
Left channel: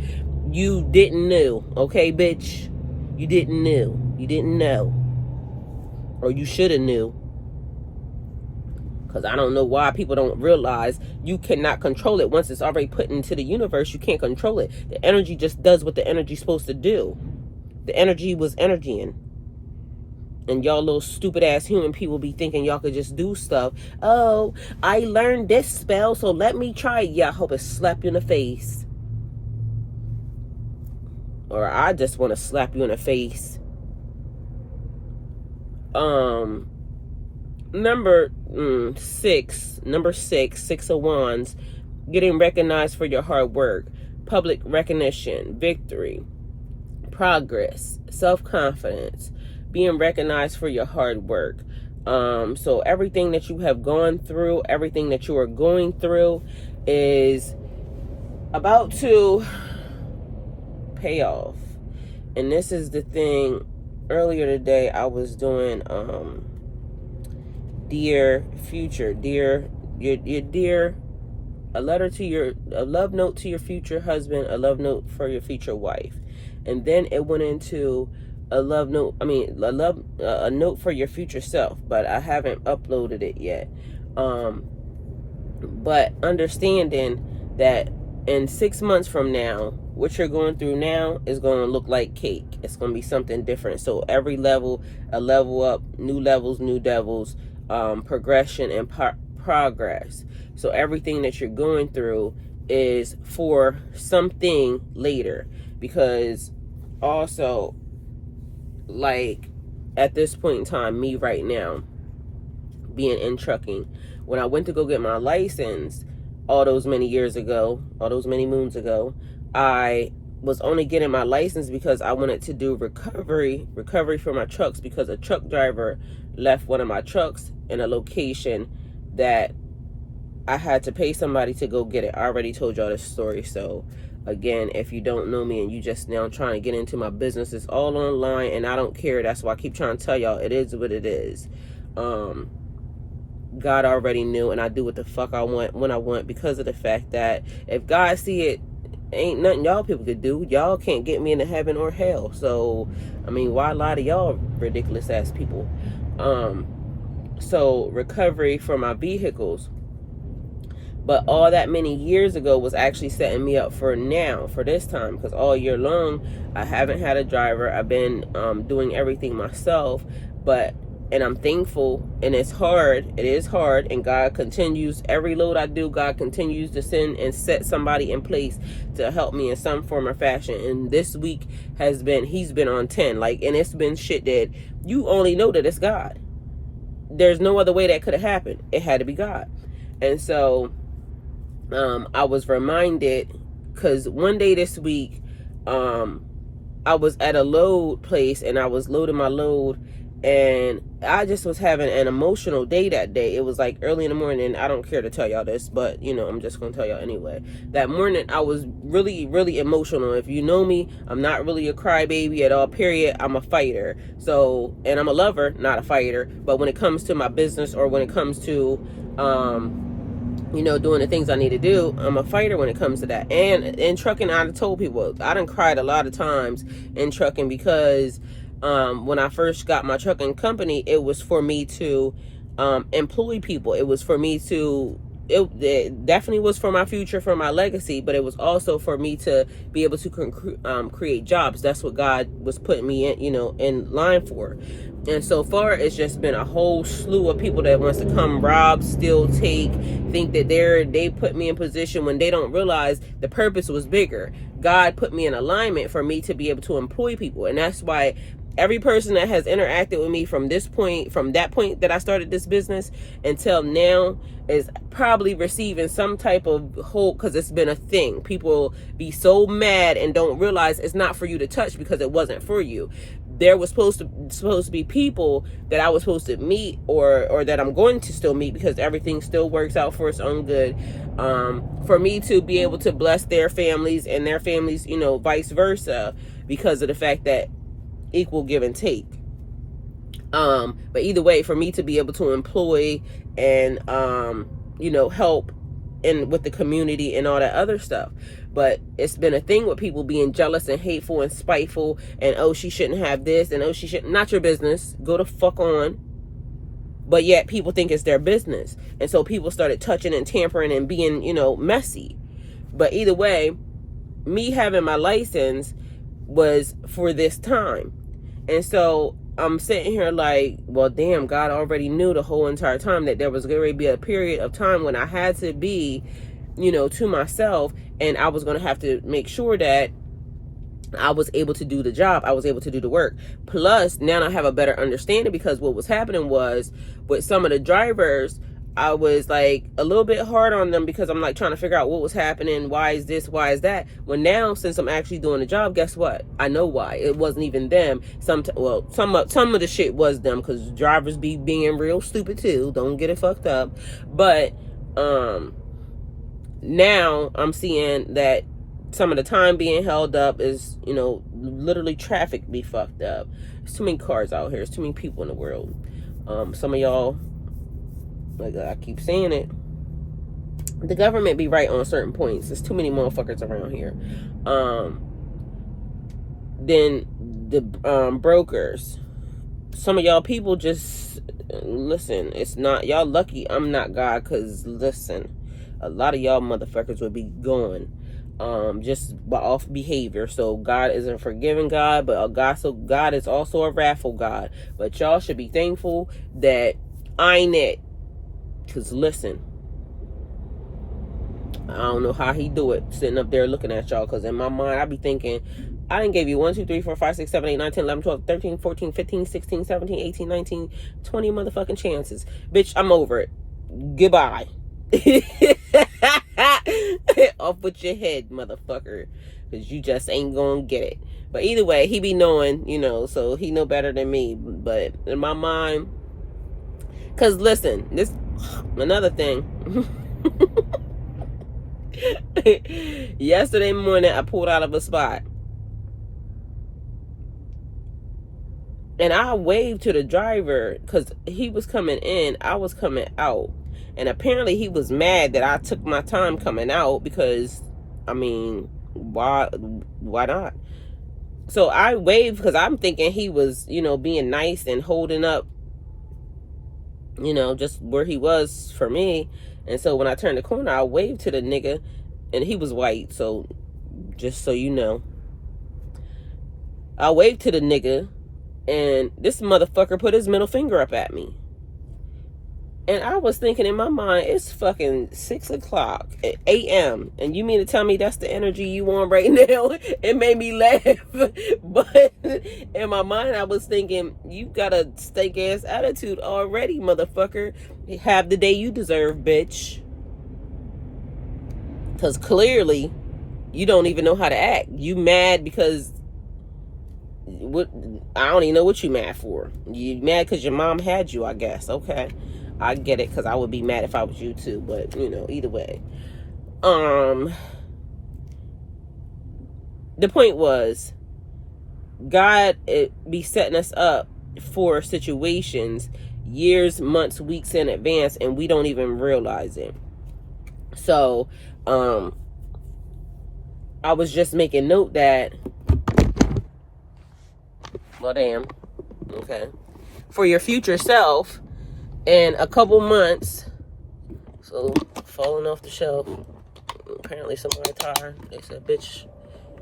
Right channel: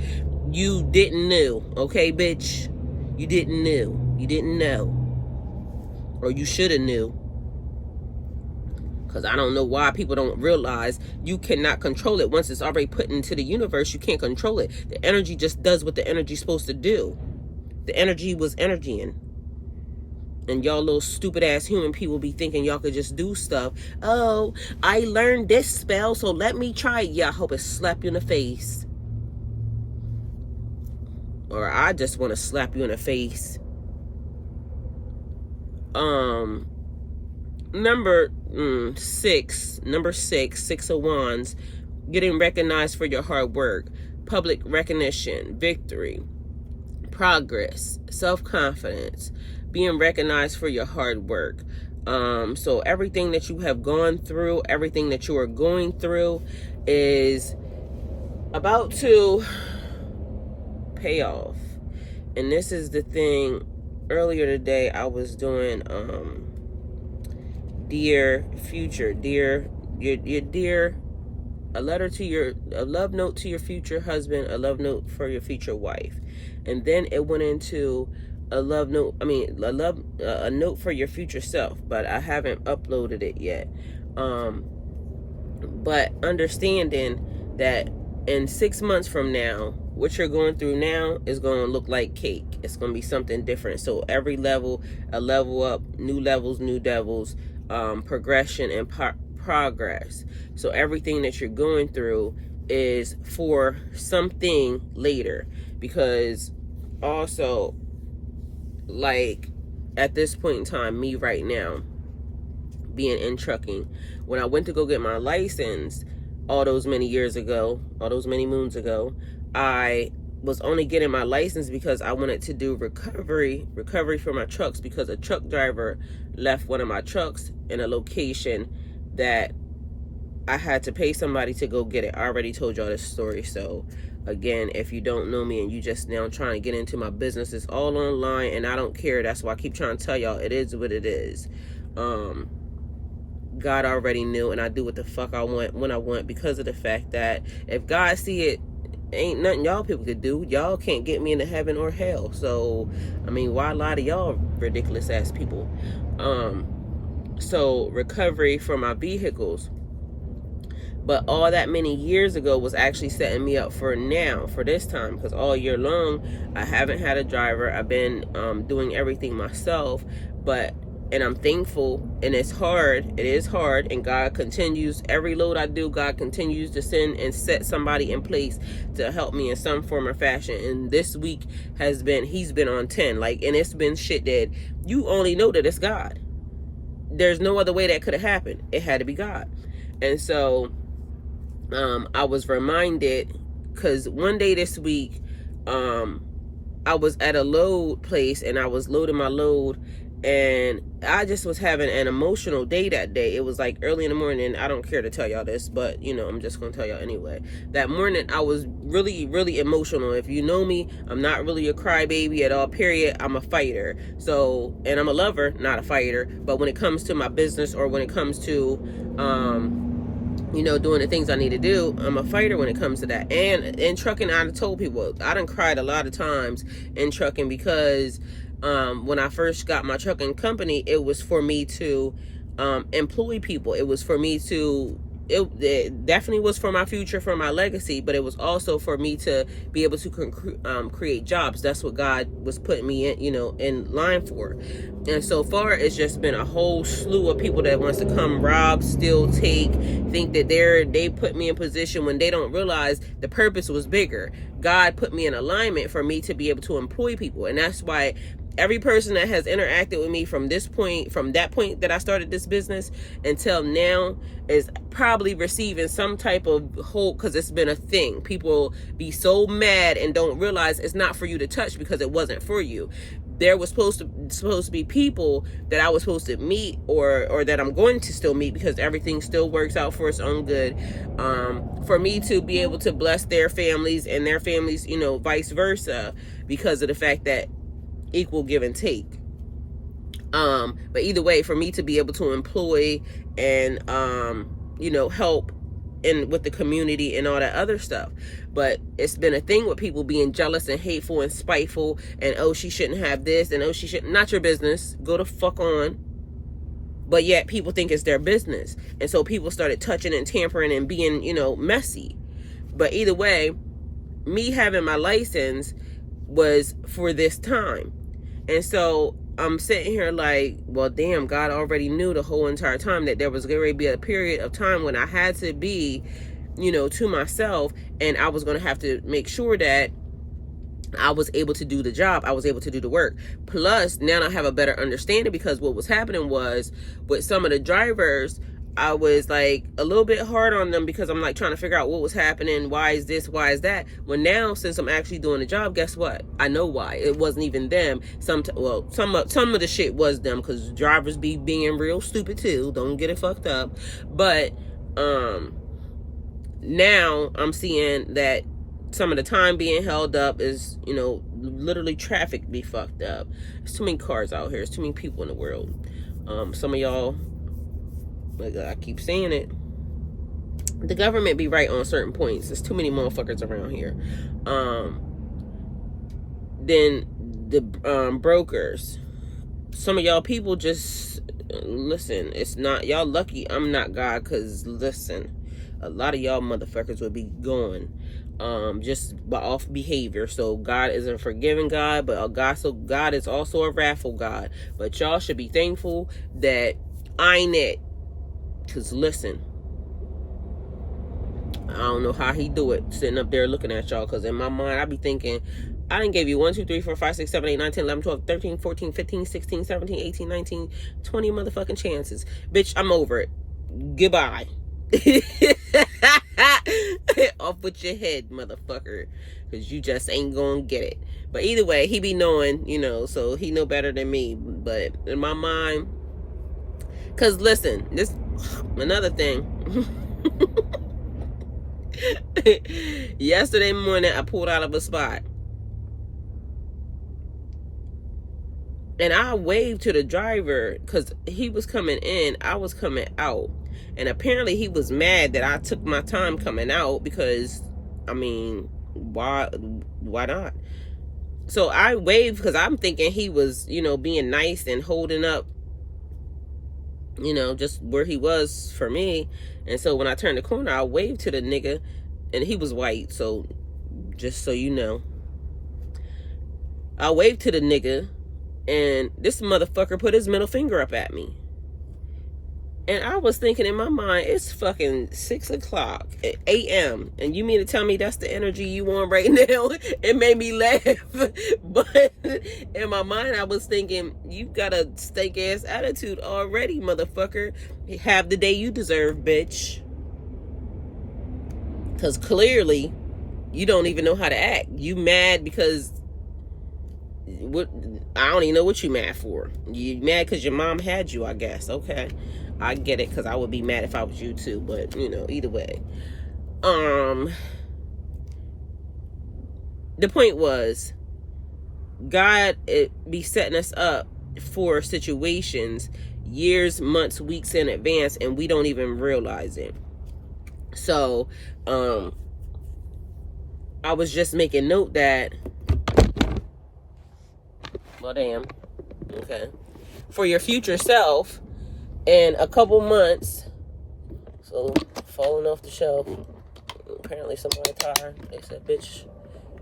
you didn't know. Okay, bitch, you didn't know, or you should have knew. Because I don't know why people don't realize you cannot control it. Once it's already put into the universe, you can't control it. The energy just does what the energy's supposed to do. The energy was energying. And y'all little stupid ass human people be thinking y'all could just do stuff. Oh, I learned this spell, so let me try it. Yeah, I hope it slap you in the face. Or I just want to slap you in the face. Number six of wands, getting recognized for your hard work, public recognition, victory, progress, self-confidence, being recognized for your hard work. So everything that you have gone through, everything that you are going through is about to pay off. And this is the thing. Earlier today I was doing dear future, dear, your dear, a love note to your future husband, a love note for your future wife. And then it went into a love note, a note for your future self, but I haven't uploaded it yet. But understanding that in 6 months from now, what you're going through now is going to look like cake. It's going to be something different. So every level, a level up, new levels, new devils, progression and progress. So everything that you're going through is for something later. Because also, like, at this point in time, me right now, being in trucking, when I went to go get my license all those many years ago, all those many moons ago, I was only getting my license because I wanted to do recovery for my trucks, because a truck driver left one of my trucks in a location that I had to pay somebody to go get it. I already told y'all this story. So again, if you don't know me and you just now trying to get into my business, it's all online and I don't care. That's why I keep trying to tell y'all it is what it is. God already knew, and I do what the fuck I want when I want, because of the fact that if God see it, ain't nothing y'all people could do. Y'all can't get me into heaven or hell. So I mean, why lie to y'all ridiculous ass people? So recovery for my vehicles, but all that many years ago was actually setting me up for now, for this time, because all year long I haven't had a driver. I've been doing everything myself, and I'm thankful, and it's hard. It is hard, and God continues, every load I do, God continues to send and set somebody in place to help me in some form or fashion. And this week has been, he's been on 10, like, and it's been shit that you only know that it's God. There's no other way that could have happened. It had to be God. And so I was reminded, because one day this week, I was at a load place and I was loading my load, and I just was having an emotional day that day. It was like early in the morning. I don't care to tell y'all this, but you know, I'm just gonna tell y'all anyway. That morning I was really, really emotional. If you know me, I'm not really a crybaby at all, period. I'm a fighter. So, and I'm a lover, not a fighter. But when it comes to my business, or when it comes to you know, doing the things I need to do. I'm a fighter when it comes to that. And in trucking, I told people, I done cried a lot of times in trucking because when I first got my trucking company, it was for me to employ people. It was for me to, it definitely was for my future, for my legacy, but it was also for me to be able to create jobs. That's what God was putting me in, you know, in line for. And so far, it's just been a whole slew of people that wants to come rob, steal, take, think that they put me in position when they don't realize the purpose was bigger. God put me in alignment for me to be able to employ people. And that's why every person that has interacted with me from this point, from that point that I started this business until now, is probably receiving some type of hope, because it's been a thing. People be so mad and don't realize it's not for you to touch because it wasn't for you. There was supposed to be people that I was supposed to meet, or that I'm going to still meet, because everything still works out for its own good, for me to be able to bless their families and their families, you know, vice versa, because of the fact that equal give and take. But either way, for me to be able to employ and you know, help in with the community and all that other stuff. But it's been a thing with people being jealous and hateful and spiteful, and oh, she shouldn't have this, and oh, she shouldn't. Not your business. Go the fuck on. But yet people think it's their business, and so people started touching and tampering and being, you know, messy. But either way, me having my license was for this time. And so I'm sitting here like, well, damn, God already knew the whole entire time that there was going to be a period of time when I had to be, you know, to myself, and I was going to have to make sure that I was able to do the job. I was able to do the work. Plus, now I have a better understanding, because what was happening was, with some of the drivers, I was like a little bit hard on them, because I'm like trying to figure out what was happening. Why is this? Why is that? Well, now, since I'm actually doing the job, guess what? I know why. It wasn't even them. Some of the shit was them, because drivers be being real stupid too. Don't get it fucked up. But now I'm seeing that some of the time being held up is, you know, literally traffic be fucked up. There's too many cars out here. There's too many people in the world. Some of y'all, like I keep saying it, the government be right on certain points. There's too many motherfuckers around here. Then the brokers, some of y'all people just listen. It's not, y'all lucky I'm not God, because listen, a lot of y'all motherfuckers would be gone just by off behavior. So God is a forgiving God, but God is also a wrathful God. But y'all should be thankful that I ain't it. Because listen, I don't know how he do it, sitting up there looking at y'all, because in my mind I be thinking, I done gave you 1, 2, 3, 4, 5, 6, 7, 8, 9, 10, 11, 12, 13, 14, 15, 16, 17, 18, 19, 20 motherfucking chances. Bitch, I'm over it. Goodbye. Off with your head, motherfucker, because you just ain't gonna get it. But either way, he be knowing, you know, so he know better than me. But in my mind, because listen, this another thing. Yesterday morning, I pulled out of a spot, and I waved to the driver because he was coming in, I was coming out. And apparently he was mad that I took my time coming out, because, I mean, why not? So I waved because I'm thinking he was, you know, being nice and holding up, you know, just where he was for me. And so when I turned the corner, I waved to the nigga, and he was white. So just so you know, I waved to the nigga, and this motherfucker put his middle finger up at me. And I was thinking in my mind, it's fucking 6 o'clock a.m. And you mean to tell me that's the energy you want right now? It made me laugh. But in my mind, I was thinking, you got a steak ass attitude already, motherfucker. Have the day you deserve, bitch. Because clearly, you don't even know how to act. You mad because I don't even know what you mad for. You mad because your mom had you, I guess. Okay. I get it, because I would be mad if I was you too, but you know, either way. The point was, God be setting us up for situations years, months, weeks in advance, and we don't even realize it. So, I was just making note that, well, damn, okay, for your future self, in a couple months, so falling off the shelf, apparently somebody tired, they said, bitch,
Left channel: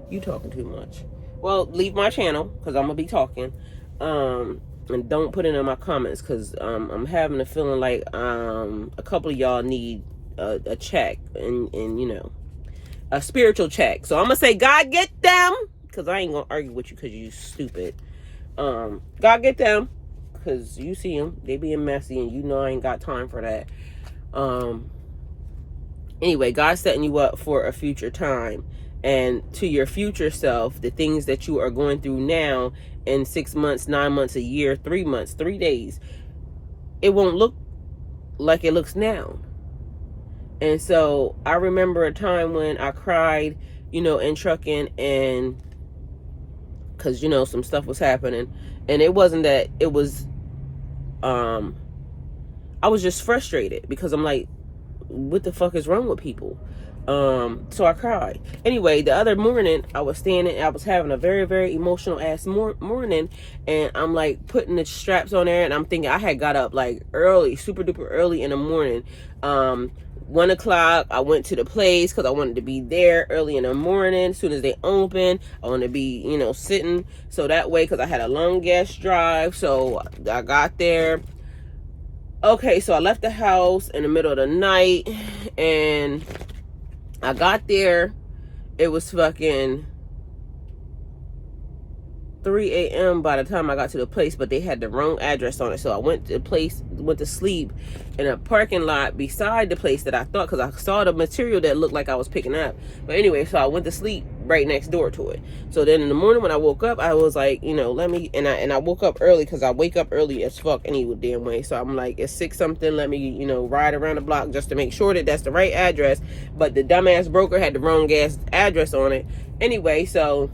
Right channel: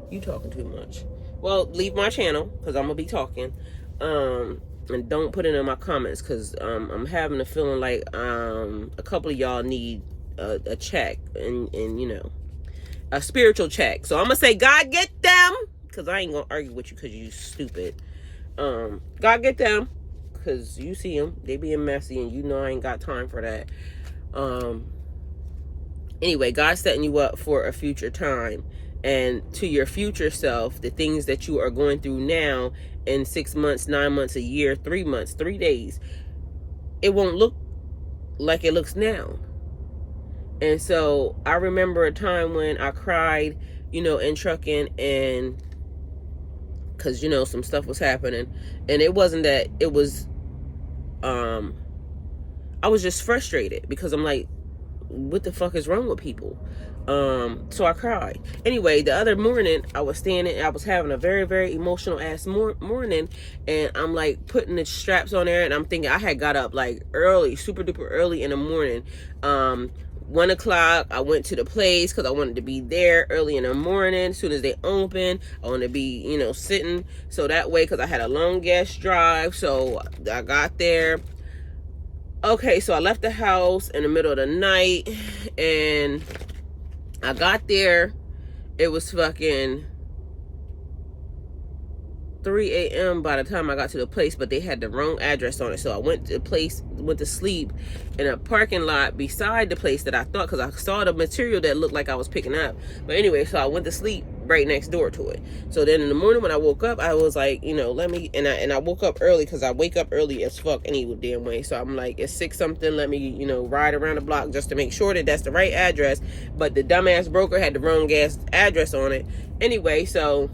you talking too much. Well, leave my channel, because I'm going to be talking, and don't put it in my comments, because I'm having a feeling like a couple of y'all need a check, and you know, a spiritual check. So I'm going to say, God, get them, because I ain't going to argue with you because you stupid. God, get them, because you see them, they being messy, and you know I ain't got time for that. Anyway, God's setting you up for a future time, and to your future self, the things that you are going through now, in 6 months, 9 months, a year, 3 months, 3 days, it won't look like it looks now. And so I remember a time when I cried, you know, in trucking, and because, you know, some stuff was happening, and it wasn't that, it was I was just frustrated, because I'm like, what the fuck is wrong with people? So I cried. Anyway, the other morning I was standing, I was having a very, very emotional ass morning, and I'm like putting the straps on there, and I'm thinking, I had got up like early, super duper early in the morning. 1 o'clock, I went to the place because I wanted to be there early in the morning. As soon as they open, I wanted to be, you know, sitting, so that way, because I had a long ass drive. So I got there. Okay, so I left the house in the middle of the night, and I got there. It was fucking 3 a.m. by the time I got to the place, but they had the wrong address on it. So I went to the place, went to sleep in a parking lot beside the place that I thought, because I saw the material that looked like I was picking up. But anyway, so I went to sleep right next door to it. So then in the morning when I woke up, I was like, you know, let me, and I woke up early, because I wake up early as fuck any damn way. So I'm like, it's 6 something, let me, you know, ride around the block just to make sure that that's the right address. But the dumbass broker had the wrong ass address on it. Anyway, so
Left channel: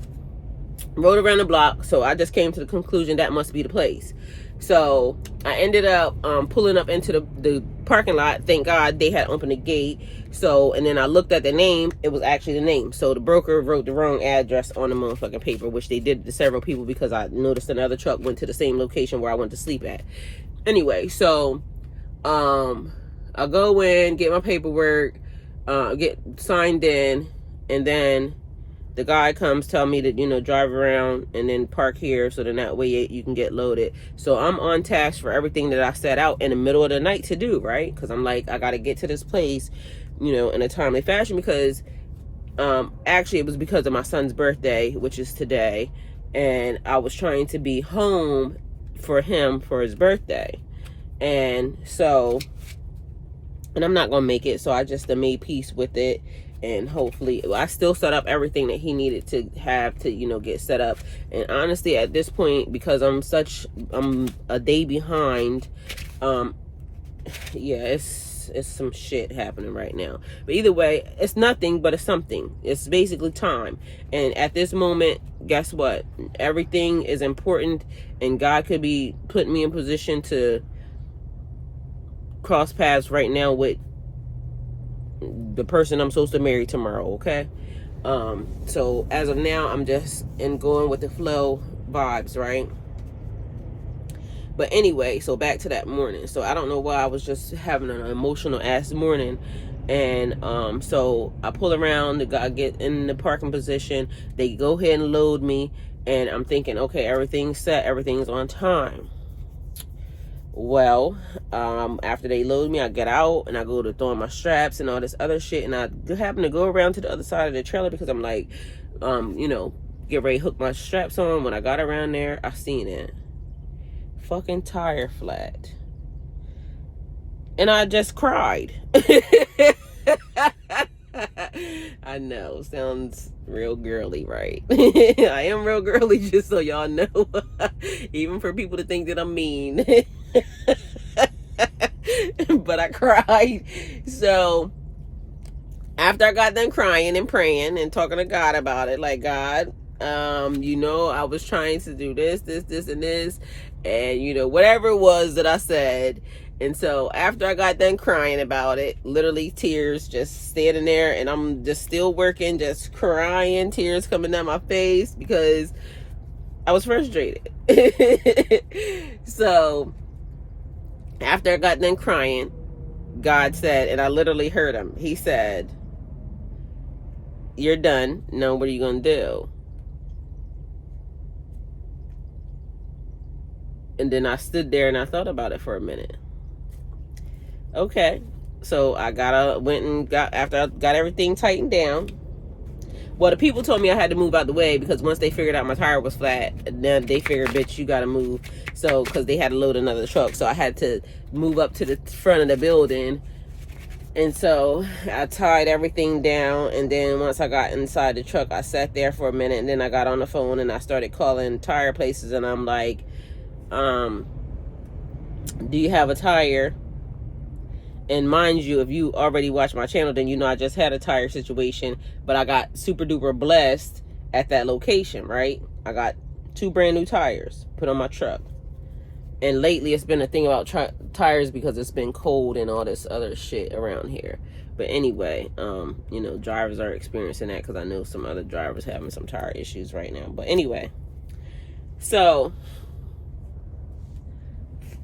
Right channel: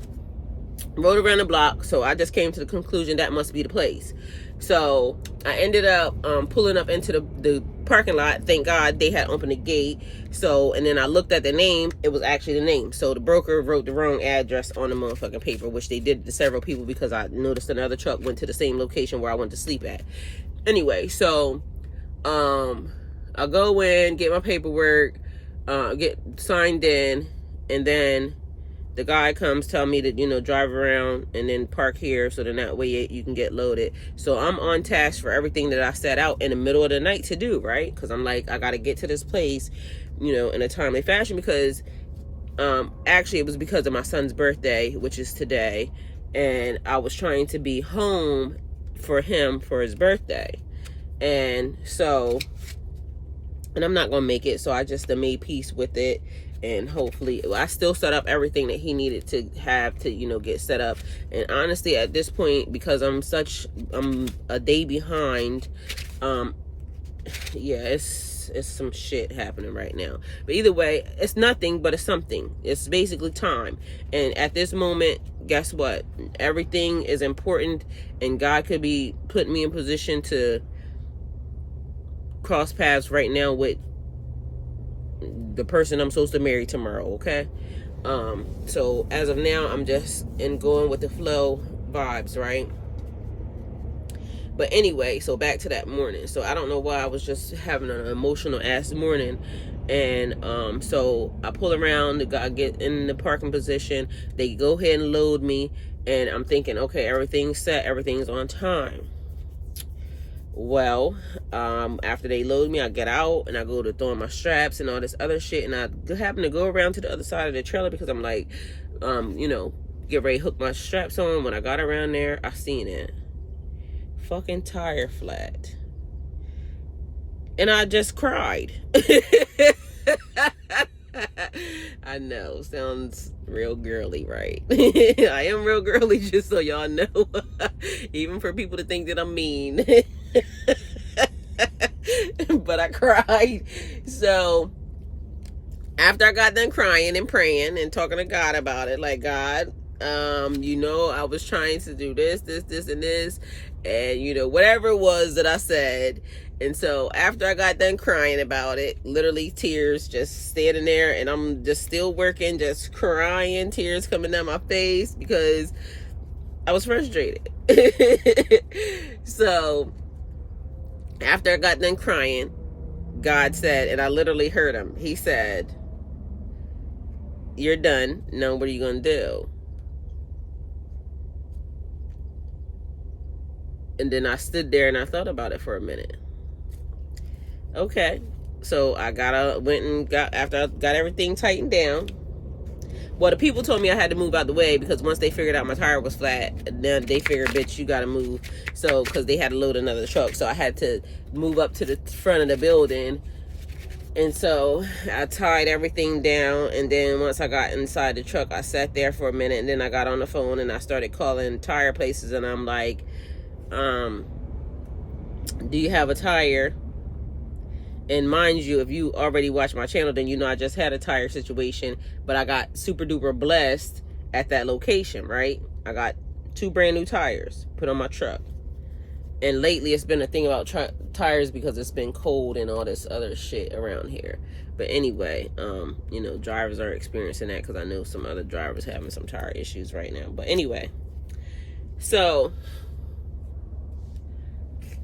rode around the block, so I just came to the conclusion that must be the place. So I ended up pulling up into the parking lot. Thank God they had opened the gate. So, and then I looked at the name, it was actually the name. So the broker wrote the wrong address on the motherfucking paper, which they did to several people, because I noticed another truck went to the same location where I went to sleep at. Anyway, so I go in, get my paperwork, get signed in, and then the guy comes, tell me to, you know, drive around and then park here, so then that way you can get loaded. So I'm on task for everything that I set out in the middle of the night to do, right? Because I'm like, I got to get to this place, you know, in a timely fashion, because actually it was because of my son's birthday, which is today, and I was trying to be home for him for his birthday. And so, and I'm not gonna make it, so I just made peace with it. And hopefully, I still set up everything that he needed to have to, you know, get set up. And honestly, at this point, because I'm a day behind, yeah, it's some shit happening right now. But either way, it's nothing, but it's something. It's basically time. And at this moment, guess what? Everything is important, and God could be putting me in position to cross paths right now with the person I'm supposed to marry tomorrow, okay? So as of now, I'm just going with the flow vibes, right? But anyway, so back to that morning. So I don't know why I was just having an emotional ass morning. And so I pull around, I get in the parking position, they go ahead and load me, and I'm thinking, okay, everything's set, everything's on time. Well, after they load me, I get out and I go to throwing my straps and all this other shit, and I happen to go around to the other side of the trailer, because I'm like, you know, get ready to hook my straps on. When I got around there, I seen it. Fucking tire flat. And I just cried. I know, sounds real girly, right? I am real girly, just so y'all know. Even for people to think that I'm mean. But I cried. So after I got done crying and praying and talking to God about it, like, God, you know, I was trying to do this, and this, and you know, whatever it was that I said, And so after I got done crying about it, literally tears just standing there, and I'm just still working, just crying, tears coming down my face because I was frustrated. So after I got done crying, God said, and I literally heard him, he said, "You're done. Now what are you going to do?" And then I stood there and I thought about it for a minute. Okay, so I went and got, after I got everything tightened down. Well, the people told me I had to move out the way because once they figured out my tire was flat, then they figured, bitch, you gotta move. So, because they had to load another truck, so I had to move up to the front of the building. And so I tied everything down, and then once I got inside the truck, I sat there for a minute, and then I got on the phone and I started calling tire places, and I'm like, do you have a tire? And mind you, if you already watched my channel, then you know I just had a tire situation, but I got super duper blessed at that location, right? I got 2 brand new tires put on my truck. And lately it's been a thing about tires because it's been cold and all this other shit around here. But anyway, you know, drivers are experiencing that because I know some other drivers having some tire issues right now. But anyway, so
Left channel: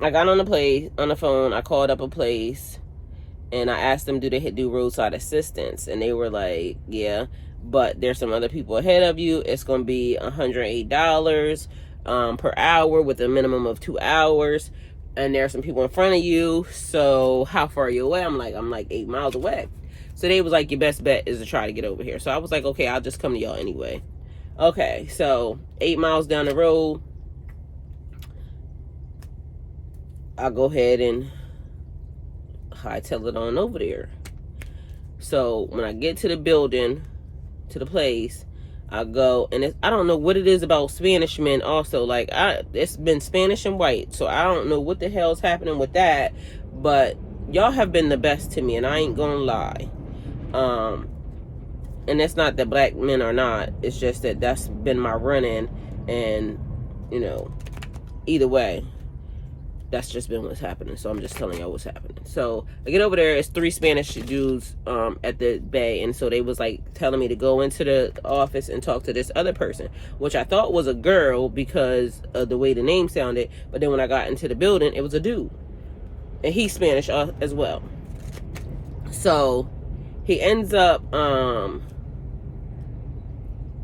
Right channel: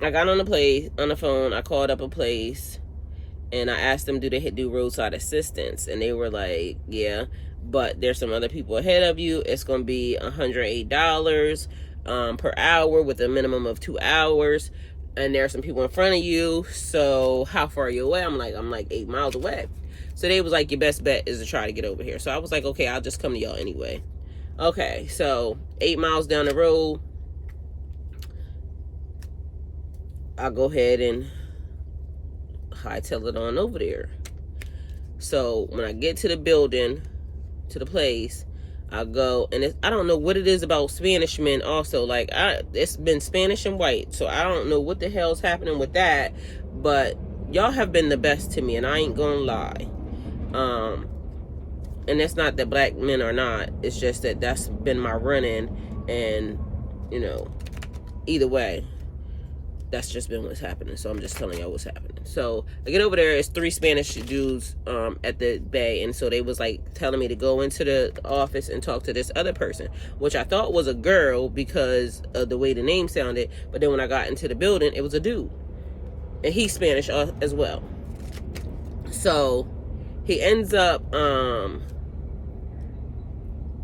I got on the phone, I called up a place, and I asked them, do they do roadside assistance? And they were like, yeah, but there's some other people ahead of you. It's going to be $108 per hour with a minimum of 2 hours. And there's some people in front of you. So how far are you away? I'm like 8 miles away. So they was like, your best bet is to try to get over here. So I was like, okay, I'll just come to y'all anyway. Okay, so 8 miles down the road, I'll go ahead and hightail it on over there. So when I get to the building, to the place, I go, and I don't know what it is about Spanish men also. Like, it's been Spanish and white, so I don't know what the hell's happening with that, but y'all have been the best to me, and I ain't gonna lie. And it's not that black men are not, it's just that that's been my run-in, and, you know, either way, that's just been what's happening. So I'm just telling y'all what's happening. So I get over there, it's 3 Spanish dudes at the bay, and so they was like telling me to go into the office and talk to this other person, which I thought was a girl because of the way the name sounded. But then when I got into the building, it was a dude, and he's Spanish as well. So he ends up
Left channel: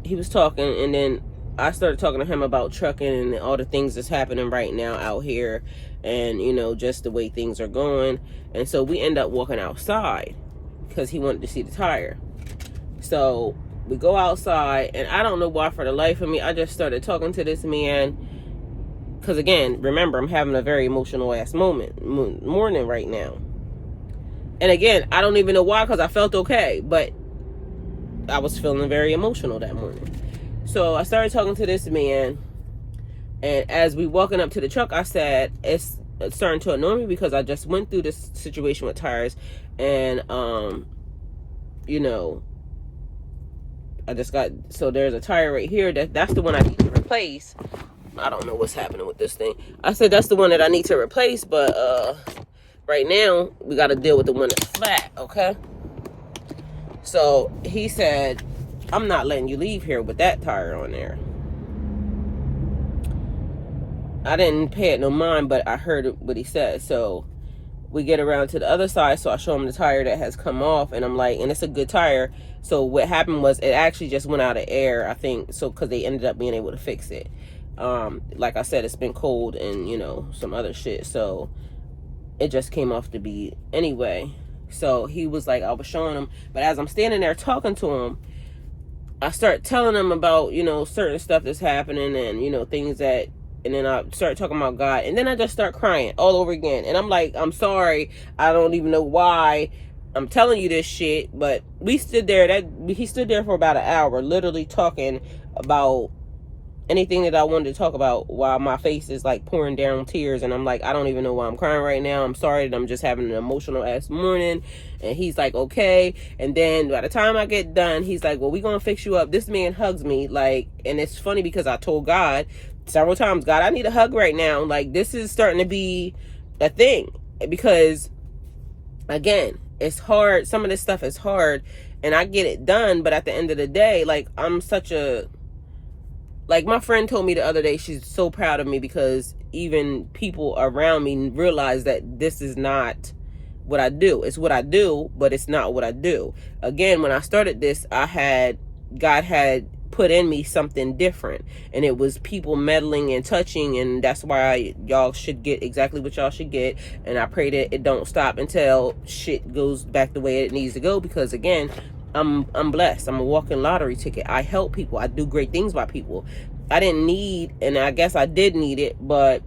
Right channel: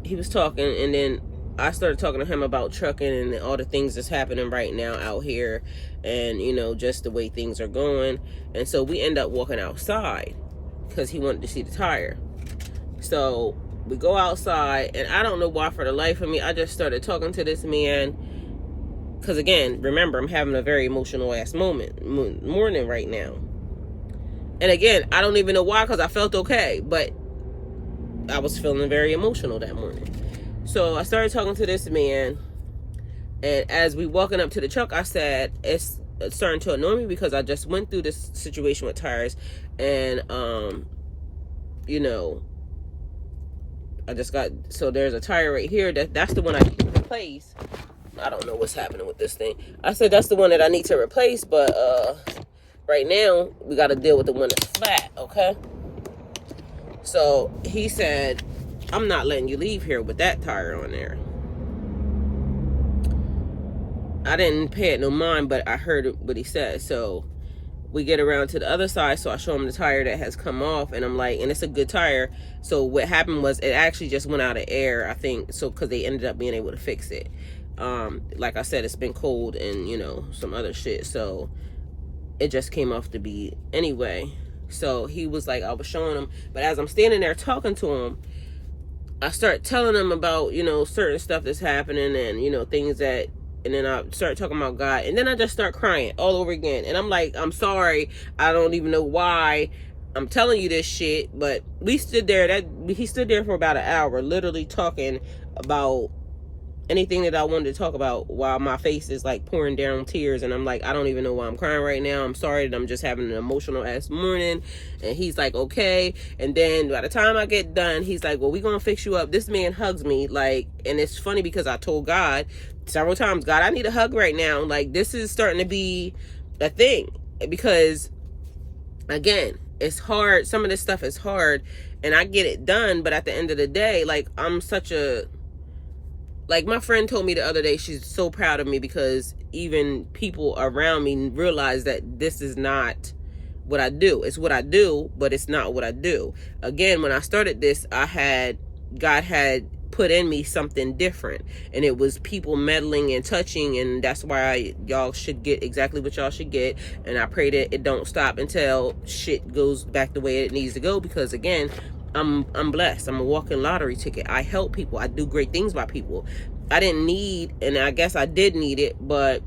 he was talking, and then I started talking to him about trucking and all the things that's happening right now out here, and, you know, just the way things are going. And so we end up walking outside because he wanted to see the tire. So we go outside, and I don't know why, for the life of me, I just started talking to this man because, again, remember, I'm having a very emotional ass morning right now. And again, I don't even know why, because I felt okay, but I was feeling very emotional that morning. So I started talking to this man, and as we walking up to the truck, I said, it's starting to annoy me because I just went through this situation with tires, and you know, I just got, so there's a tire right here that's the one I need to replace. I don't know what's happening with this thing. I said that's the one that I need to replace, but right now we got to deal with the one that's flat. Okay, so he said, I'm not letting you leave here with that tire on there. I didn't pay it no mind, but I heard what he said. So we get around to the other side, so I show him the tire that has come off, and I'm like, and it's a good tire. So what happened was, it actually just went out of air, I think, so because they ended up being able to fix it. Like I said, it's been cold and, you know, some other shit, so it just came off the bead anyway. So he was like, I was showing him, but as I'm standing there talking to him, I start telling him about, you know, certain stuff that's happening, and, you know, things that, and then I start talking about God, and then I just start crying all over again. And I'm like, I'm sorry, I don't even know why I'm telling you this shit, but we stood there, he stood there for about an hour, literally talking about anything that I wanted to talk about, while my face is like pouring down tears, and I'm like, I don't even know why I'm crying right now. I'm sorry that I'm just having an emotional ass morning. And he's like, okay. And then by the time I get done, he's like, well, we gonna fix you up. This man hugs me, like, and it's funny because I told God several times, God, I need a hug right now. Like, this is starting to be a thing. because again, it's hard. Some of this stuff is hard, and I get it done, but at the end of the day, like, I'm such a, like, my friend told me the other day, she's so proud of me because even people around me realize that this is not what I do. It's what I do, but it's not what I do. Again, when I started this, God had put in me something different, and it was people meddling and touching, and that's why y'all should get exactly what y'all should get. And I pray that it don't stop until shit goes back the way it needs to go, because again, I'm blessed. I'm a walking lottery ticket. I help people. I do great things by people. I didn't need, and I guess I did need it, but,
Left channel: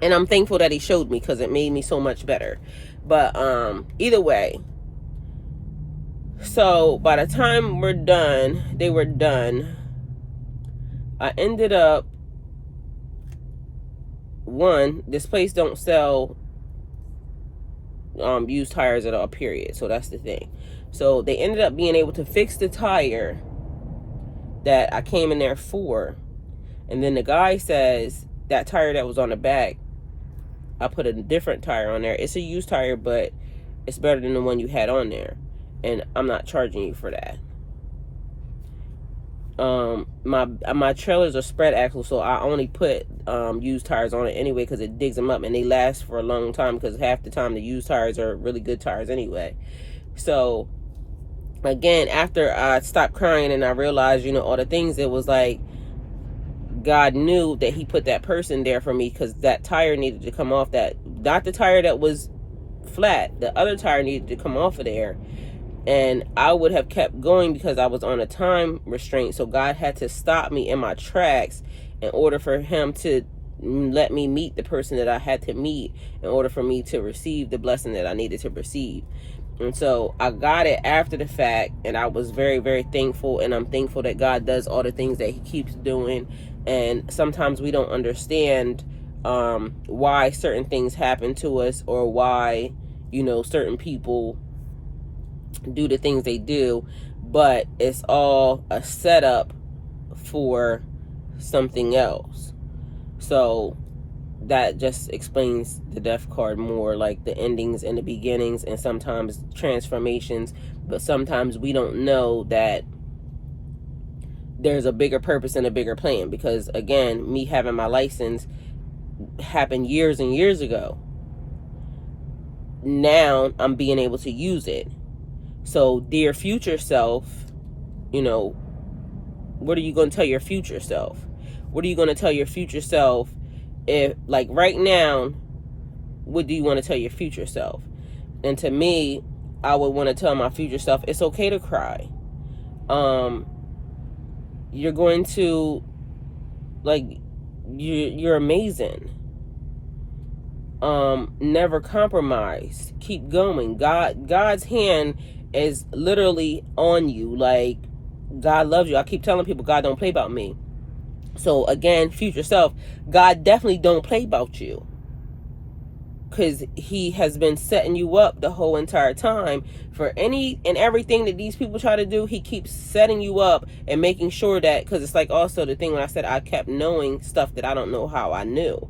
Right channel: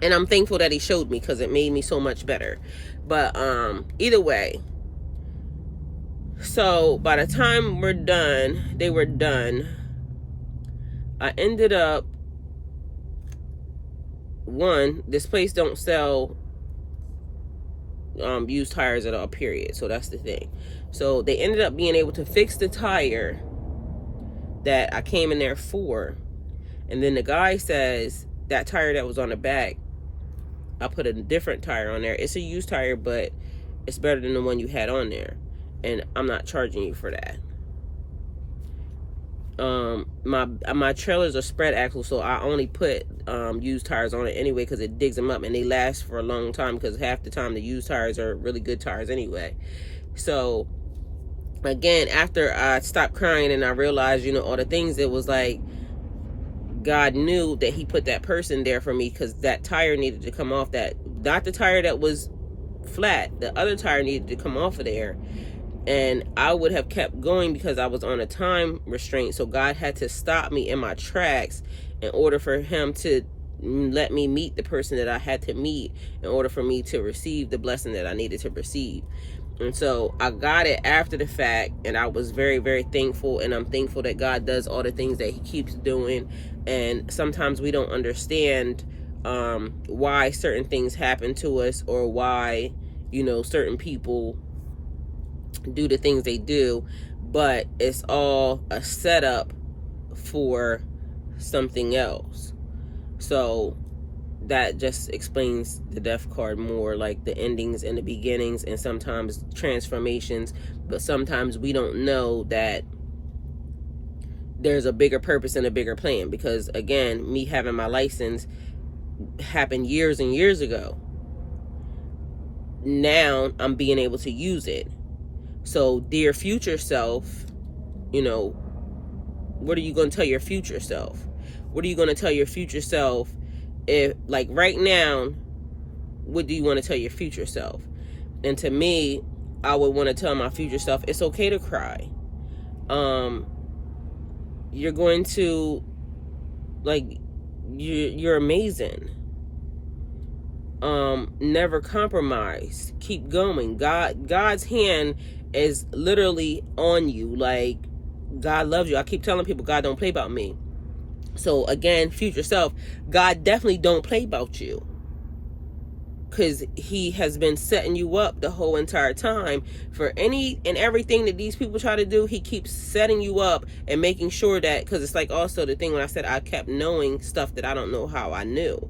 and I'm thankful that he showed me, because it made me so much better. But either way, so by the time they were done, I ended up, one, this place don't sell used tires at all, period. So that's the thing. So they ended up being able to fix the tire that I came in there for. And then the guy says, that tire that was on the back, I put a different tire on there. It's a used tire, but it's better than the one you had on there, and I'm not charging you for that. My trailers are spread axle, so I only put used tires on it anyway, because it digs them up, and they last for a long time, because half the time the used tires are really good tires anyway. So again, after I stopped crying and I realized, all the things, it was like God knew that he put that person there for me, because that tire needed to come off, that, not the tire that was flat, the other tire needed to come off of there. And I would have kept going because I was on a time restraint. So God had to stop me in my tracks in order for him to let me meet the person that I had to meet, in order for me to receive the blessing that I needed to receive. And so I got it after the fact, and I was very, very thankful. And I'm thankful that God does all the things that he keeps doing. And sometimes we don't understand why certain things happen to us, or why, certain people do the things they do, but it's all a setup for something else. So that just explains the death card more, like the endings and the beginnings, and sometimes transformations. But sometimes we don't know that there's a bigger purpose and a bigger plan, because again, me having my license happened years and years ago. Now I'm being able to use it. So dear future self, what are you going to tell your future self? What are you going to tell your future self? If, like, right now, what do you want to tell your future self? And to me, I would want to tell my future self, it's okay to cry. You're going to, like, you're amazing. Never compromise. Keep going. God's hand is literally on you. Like, God loves you. I keep telling people, God don't play about me. So again, future self, God definitely don't play about you, because he has been setting you up the whole entire time for any and everything that these people try to do. He keeps setting you up and making sure that, because it's like also the thing when I said I kept knowing stuff that I don't know how I knew.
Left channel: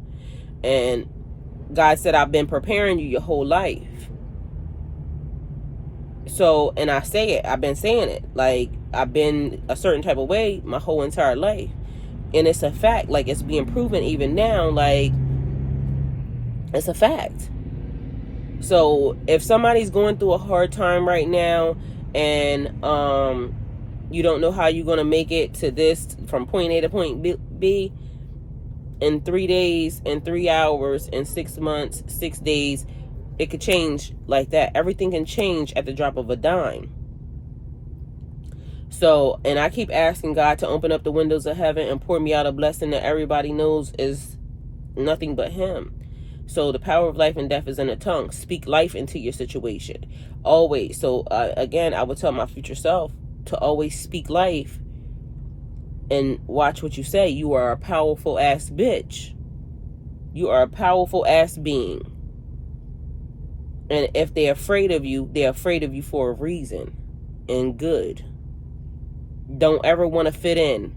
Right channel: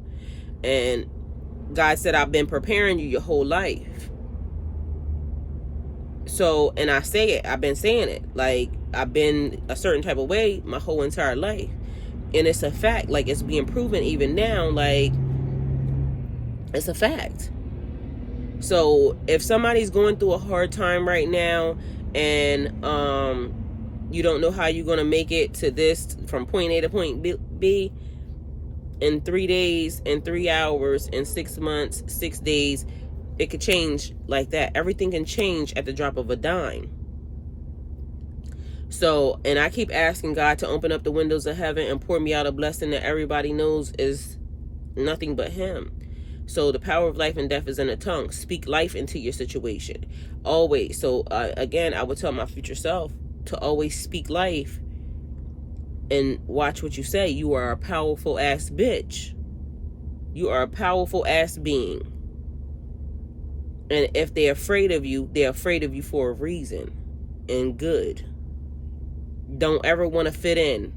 And God said, I've been preparing you your whole life. So, and I say it, I've been saying it, like, I've been a certain type of way my whole entire life. And it's a fact, like, it's being proven even now, like, it's a fact. So if somebody's going through a hard time right now, and you don't know how you're going to make it to this, from point A to point B, in 3 days, in 3 hours, in 6 months, 6 days, it could change like that. Everything can change at the drop of a dime. So, and I keep asking God to open up the windows of heaven and pour me out a blessing that everybody knows is nothing but him. So the power of life and death is in the tongue. Speak life into your situation. Always. So again, I would tell my future self to always speak life, and watch what you say. You are a powerful ass bitch. You are a powerful ass being. And if they're afraid of you for a reason, and good. Don't ever want to fit in.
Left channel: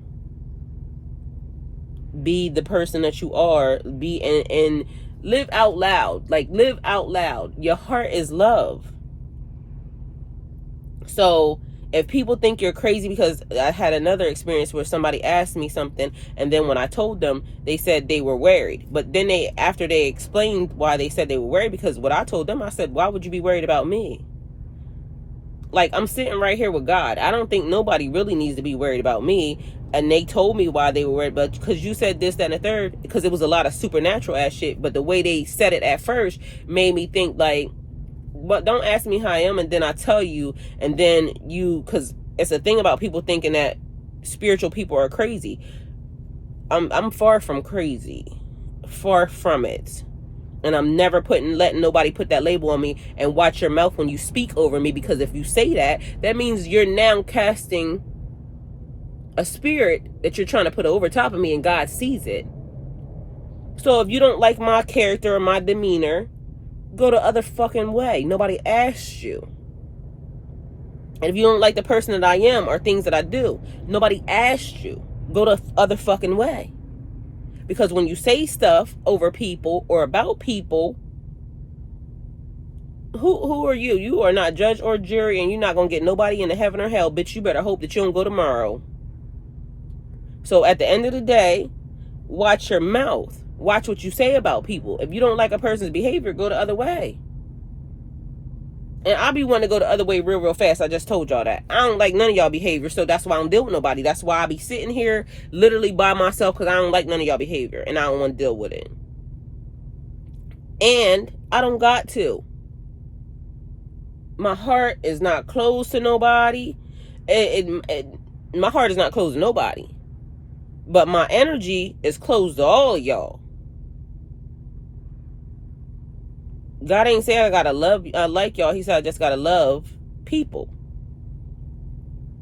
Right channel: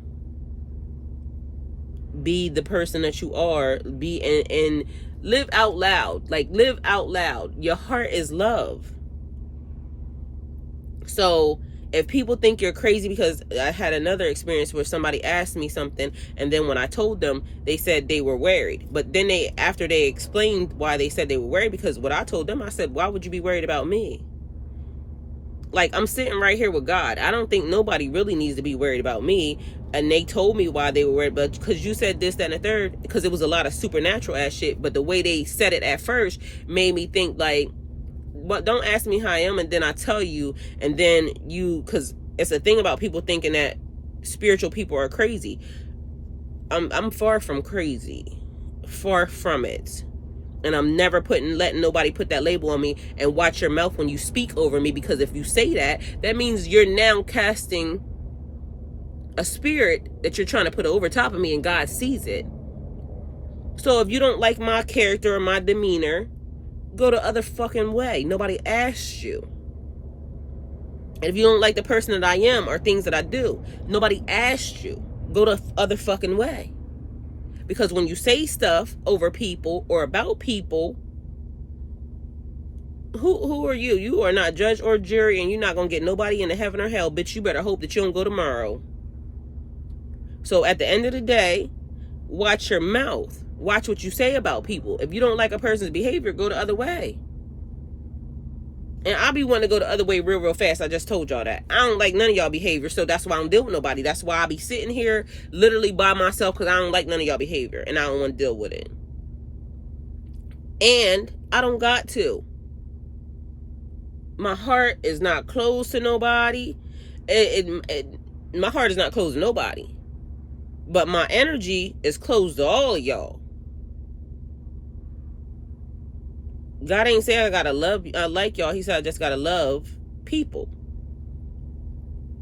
Be the person that you are. Be in Live out loud. Like, live out loud. Your heart is love. So if people think you're crazy, because I had another experience where somebody asked me something, and then when I told them, they said they were worried. But then after they explained why they said they were worried, because what I told them, I said, why would you be worried about me? Like, I'm sitting right here with God. I don't think nobody really needs to be worried about me. And they told me why they were worried, but because you said this, that, and the third, because it was a lot of supernatural ass shit. But the way they said it at first made me think like, but don't ask me how I am, and then I tell you, and then you, because it's a thing about people thinking that spiritual people are crazy. I'm far from crazy, far from it, and I'm never letting nobody put that label on me. And watch your mouth when you speak over me, because if you say that, that means you're now casting a spirit that you're trying to put over top of me, and God sees it. So if you don't like my character or my demeanor, go the other fucking way. Nobody asked you. And if you don't like the person that I am or things that I do, nobody asked you. Go the other fucking way. Because when you say stuff over people or about people, who are you? You are not judge or jury, and you're not gonna get nobody into heaven or hell. Bitch, you better hope that you don't go tomorrow. So at the end of the day, watch your mouth. Watch what you say about people. If you don't like a person's behavior, go the other way. And I'll be wanting to go the other way real fast. I just told y'all that. I don't like none of y'all behavior, so that's why I don't deal with nobody. That's why I be sitting here literally by myself, because I don't like none of y'all behavior, and I don't want to deal with it. And I don't got to. My heart is not closed to nobody. My heart is not closed to nobody. But my energy is closed to all of y'all. God ain't saying I gotta love, I like y'all. He said I just gotta love people.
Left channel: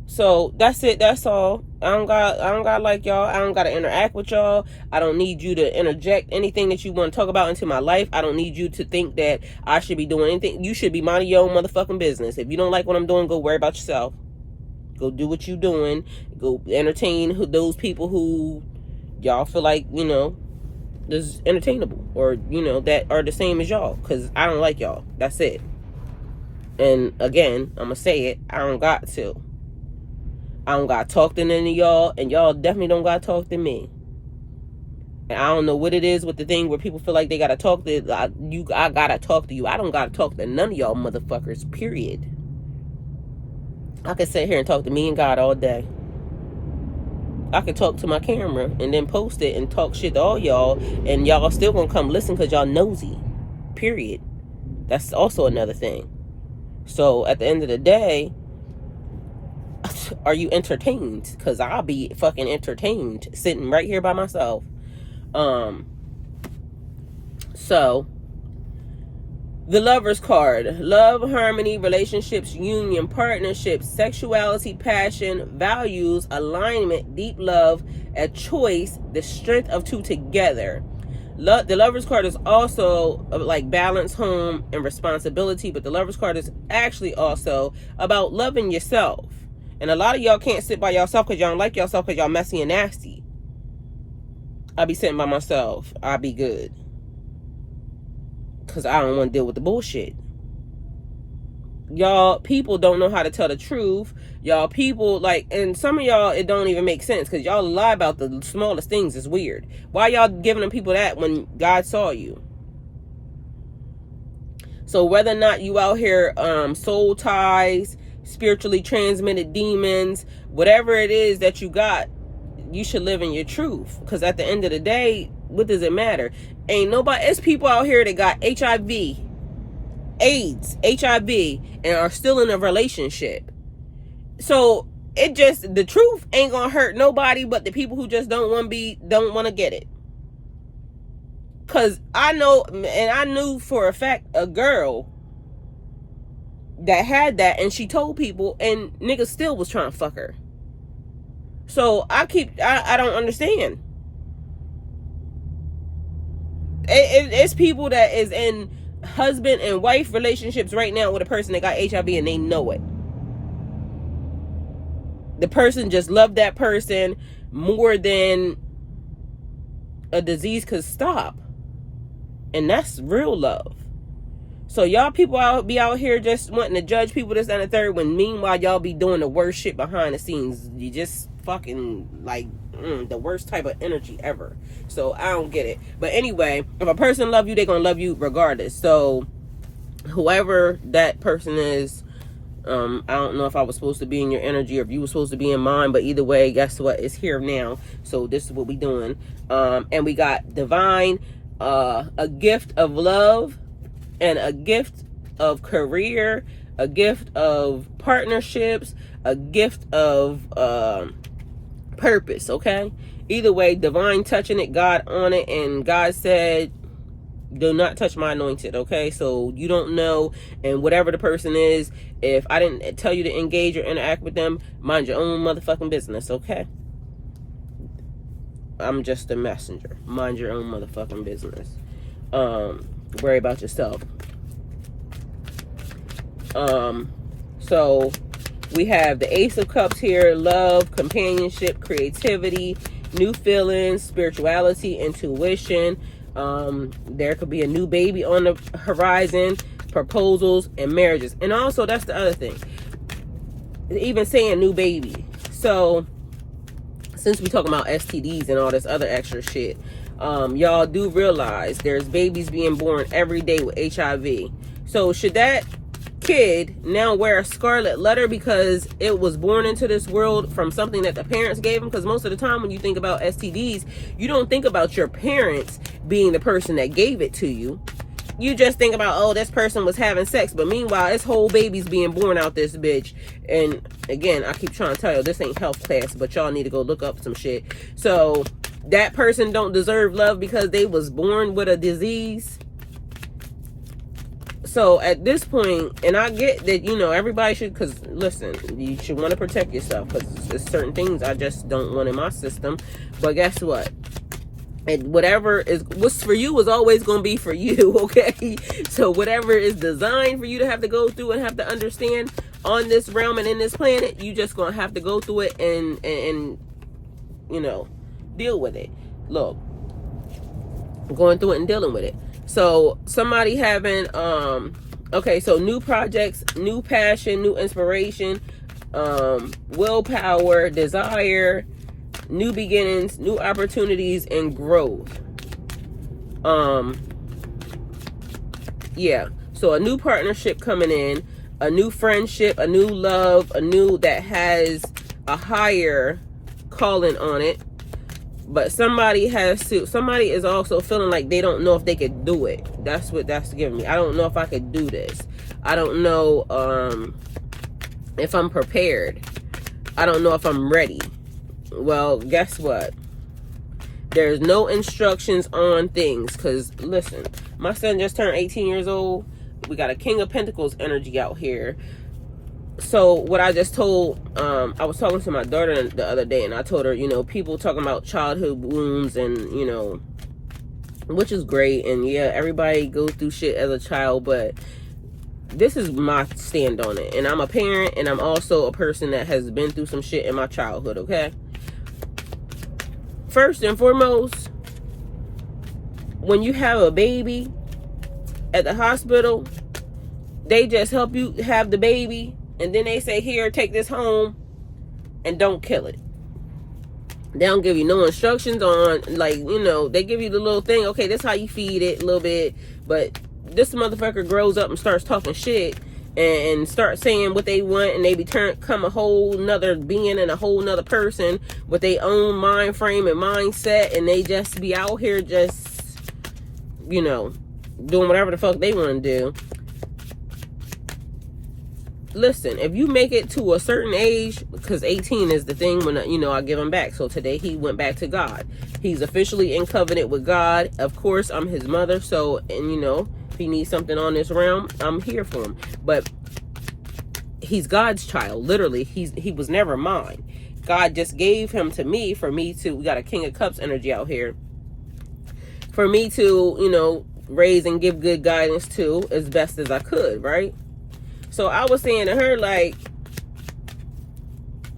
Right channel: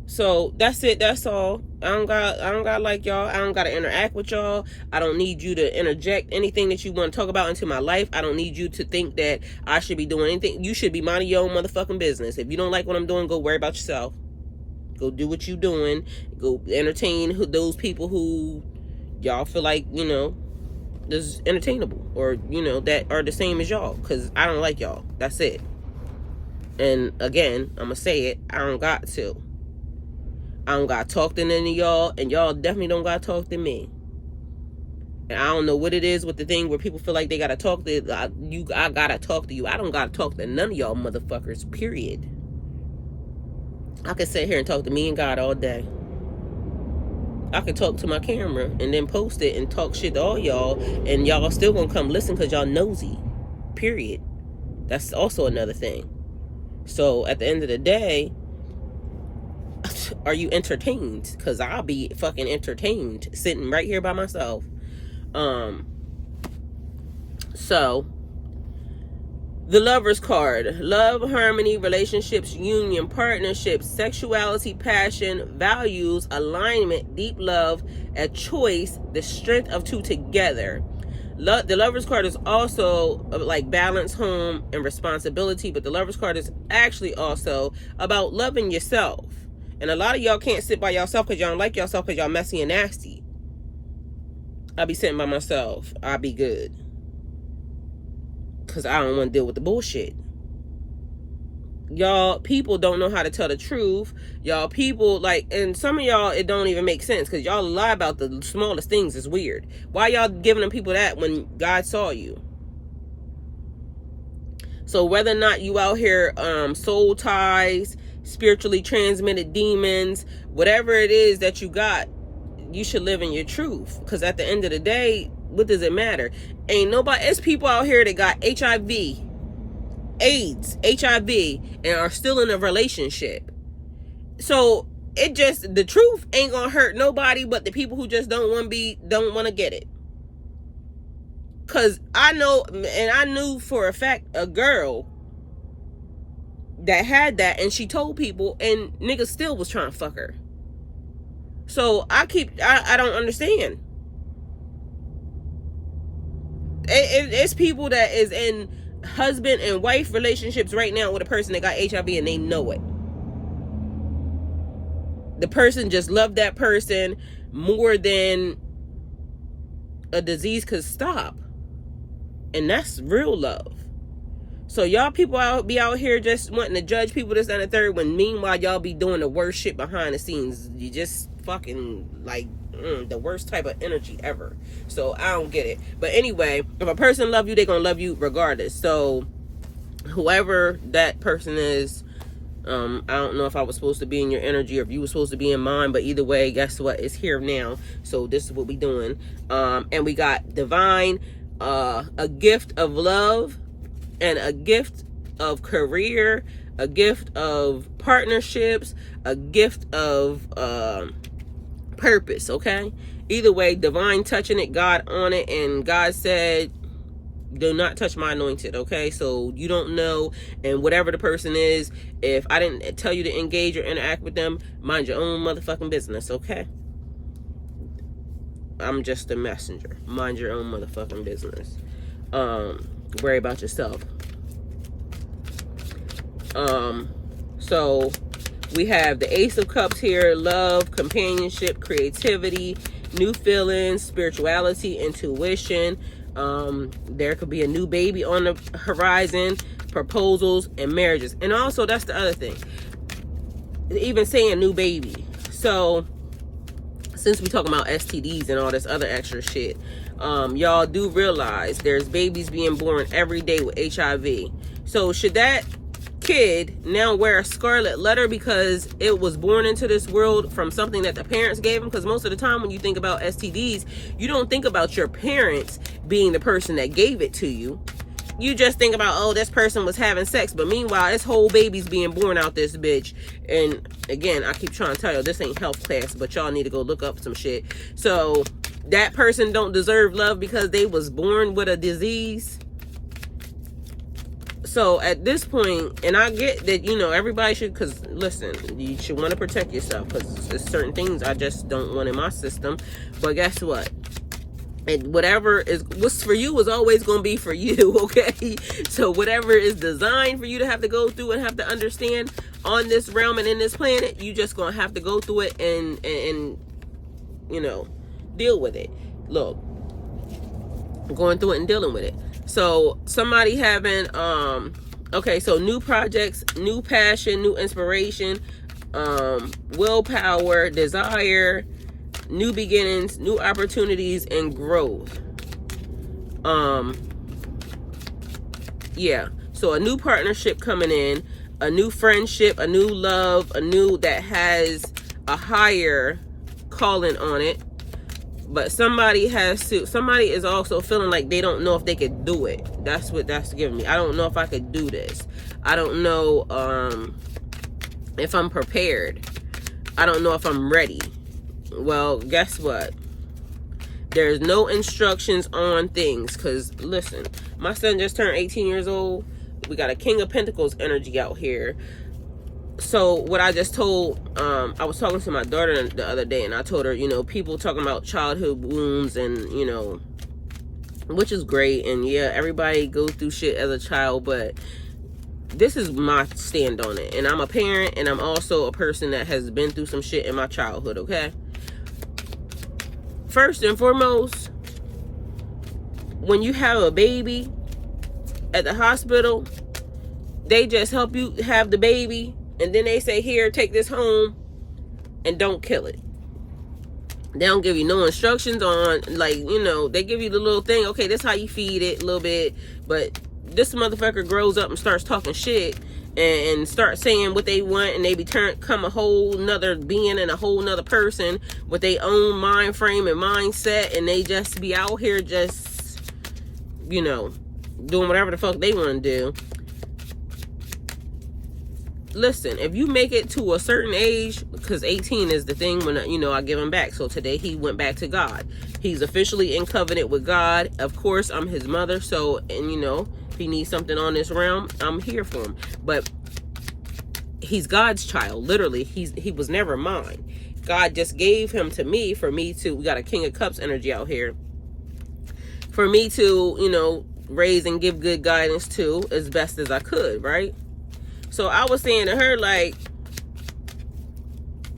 So that's it. That's all. I don't gotta like y'all. I don't gotta interact with y'all. I don't need you to interject anything that you want to talk about into my life. I don't need you to think that I should be doing anything. You should be minding your own motherfucking business. If you don't like what I'm doing, go worry about yourself. Go do what you doing. Go entertain those people who y'all feel like, you know, is entertainable, or you know, that are the same as y'all, because I don't like y'all. That's it. And again, I'm gonna say it, I don't got to talk to any of y'all, and y'all definitely don't gotta talk to me. And I don't know what it is with the thing where people feel like they gotta talk to I gotta talk to you. I don't gotta talk to none of y'all motherfuckers, period. I could sit here and talk to me and God all day. I could talk to my camera and then post it and talk shit to all y'all, and y'all still gonna come listen because y'all nosy, period. That's also another thing. So at the end of the day, are you entertained? Because I'll be fucking entertained sitting right here by myself. So the Lover's card: love, harmony, relationships, union, partnerships, sexuality, passion, values, alignment, deep love, a choice, the strength of two together. The Lover's card is also like balance, home, and responsibility, but the Lover's card is actually also about loving yourself. And a lot of y'all can't sit by yourself because y'all don't like yourself, because y'all messy and nasty. I'll be sitting by myself. I'll be good. Because I don't want to deal with the bullshit. Y'all people don't know how to tell the truth. Y'all people, like, and some of y'all, it don't even make sense, because y'all lie about the smallest things. Is weird. Why y'all giving them people that when God saw you? So whether or not you out here soul ties, spiritually transmitted demons, whatever it is that you got, you should live in your truth. Because at the end of the day, what does it matter? Ain't nobody, it's people out here that got HIV, AIDS, HIV, and are still in a relationship. So it just, the truth ain't gonna hurt nobody but the people who just don't want to get it. Cause I know, and I knew for a fact, a girl that had that, and she told people, and niggas still was trying to fuck her. So I don't understand. It's people that is in husband and wife relationships right now with a person that got HIV and they know it. The person just loved that person more than a disease could stop. And that's real love. So y'all people be out here just wanting to judge people this and the third, when meanwhile y'all be doing the worst shit behind the scenes. You just fucking like the worst type of energy ever. So I don't get it. But anyway, if a person love you, they gonna love you regardless. So whoever that person is, I don't know if I was supposed to be in your energy or if you were supposed to be in mine, but either way, guess what? It's here now. So this is what we doing. And we got divine, a gift of love, and a gift of career, a gift of partnerships, a gift of purpose, okay? Either way, divine touching it, God on it, and God said, do not touch my anointed, okay? So you don't know, and whatever the person is, if I didn't tell you to engage or interact with them, mind your own motherfucking business, okay? I'm just a messenger. Mind your own motherfucking business. Worry about yourself. So we have the Ace of Cups here: love, companionship, creativity, new feelings, spirituality, intuition. There could be a new baby on the horizon, proposals, and marriages. And also, that's the other thing, even saying new baby. So since we talking about STDs and all this other extra shit, y'all do realize there's babies being born every day with HIV. So should that kid now wear a scarlet letter because it was born into this world from something that the parents gave them? Because most of the time when you think about STDs, you don't think about your parents being the person that gave it to you. You just think about, oh, this person was having sex, but meanwhile this whole baby's being born out this bitch. And again, I keep trying to tell you, this ain't health class, but y'all need to go look up some shit. So that person don't deserve love because they was born with a disease. So at this point, and I get that, you know, everybody should, because listen, you should want to protect yourself, because there's certain things I just don't want in my system. But guess what? And whatever is what's for you is always going to be for you, okay? So whatever is designed for you to have to go through and have to understand on this realm and in this planet, you just going to have to go through it and you know, deal with it. Look, going through it and dealing with it. So somebody having okay, so new projects, new passion, new inspiration, willpower, desire, new beginnings, new opportunities, and growth. Yeah, so a new partnership coming in, a new friendship, a new love, a new that has a higher calling on it. But somebody is also feeling like they don't know if they could do it. That's what that's giving me. I don't know if I could do this. I don't know if I'm prepared. I don't know if I'm ready. Well, guess what? There's no instructions on things. Because, listen, my son just turned 18 years old. We got a King of Pentacles energy out here. So what I just told, I was talking to my daughter the other day, and I told her, you know, people talking about childhood wounds and, you know, which is great. And yeah, everybody goes through shit as a child, but this is my stand on it. And I'm a parent, and I'm also a person that has been through some shit in my childhood, okay? First and foremost, when you have a baby at the hospital, they just help you have the baby. And then they say, here, take this home and don't kill it. They don't give you no instructions on, like, you know, they give you the little thing. Okay, this how you feed it a little bit. But this motherfucker grows up and starts talking shit and start saying what they want. And they become a whole nother being and a whole nother person with their own mind frame and mindset. And they just be out here just, you know, doing whatever the fuck they want to do. Listen, if you make it to a certain age, because 18 is the thing when, you know, I give him back. So today he went back to God. He's officially in covenant with God. Of course, I'm his mother. So, and you know, if he needs something on this realm, I'm here for him. But he's God's child. Literally, he was never mine. God just gave him to me for me to, we got a King of Cups energy out here. For me to, you know, raise and give good guidance to as best as I could, right? So I was saying to her, like,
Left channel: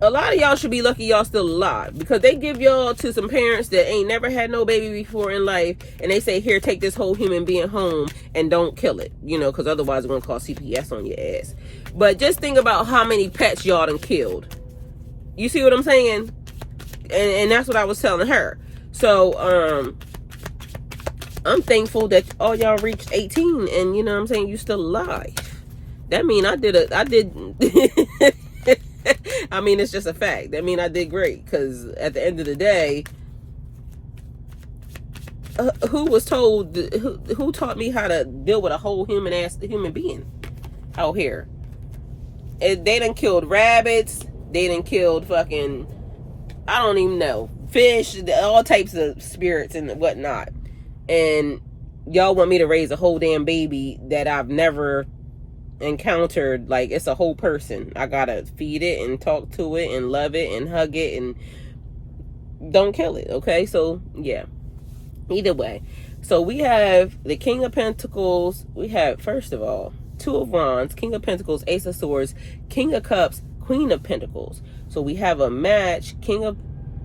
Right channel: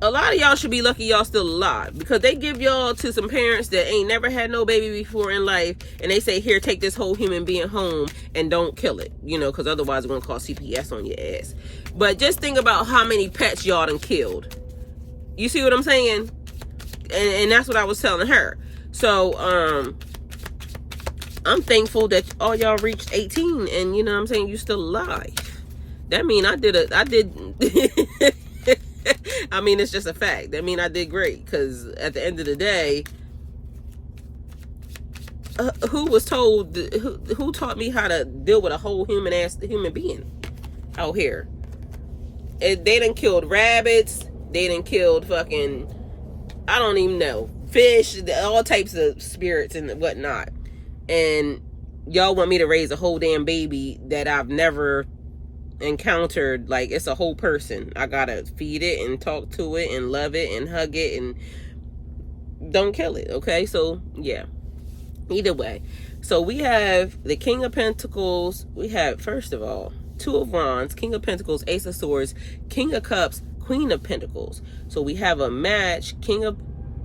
a lot of y'all should be lucky y'all still alive, because they give y'all to some parents that ain't never had no baby before in life, and they say, here, take this whole human being home and don't kill it, you know, because otherwise we're gonna call CPS on your ass. But just think about how many pets y'all done killed. You see what I'm saying? And that's what I was telling her. So I'm thankful that all y'all reached 18, and you know what I'm saying, you still alive. That mean I did I mean, it's just a fact. That mean I did great, because at the end of the day, who was told, who taught me how to deal with a whole human being out here? And they done killed rabbits, they done killed fucking, I don't even know, fish, all types of spirits and whatnot. And y'all want me to raise a whole damn baby that I've never encountered. Like, it's a whole person. I gotta feed it and talk to it and love it and hug it and don't kill it. Okay, so yeah, either way. So we have the King of Pentacles. We have, first of all, Two of Wands, King of Pentacles, Ace of Swords, King of Cups, Queen of Pentacles. So we have a match.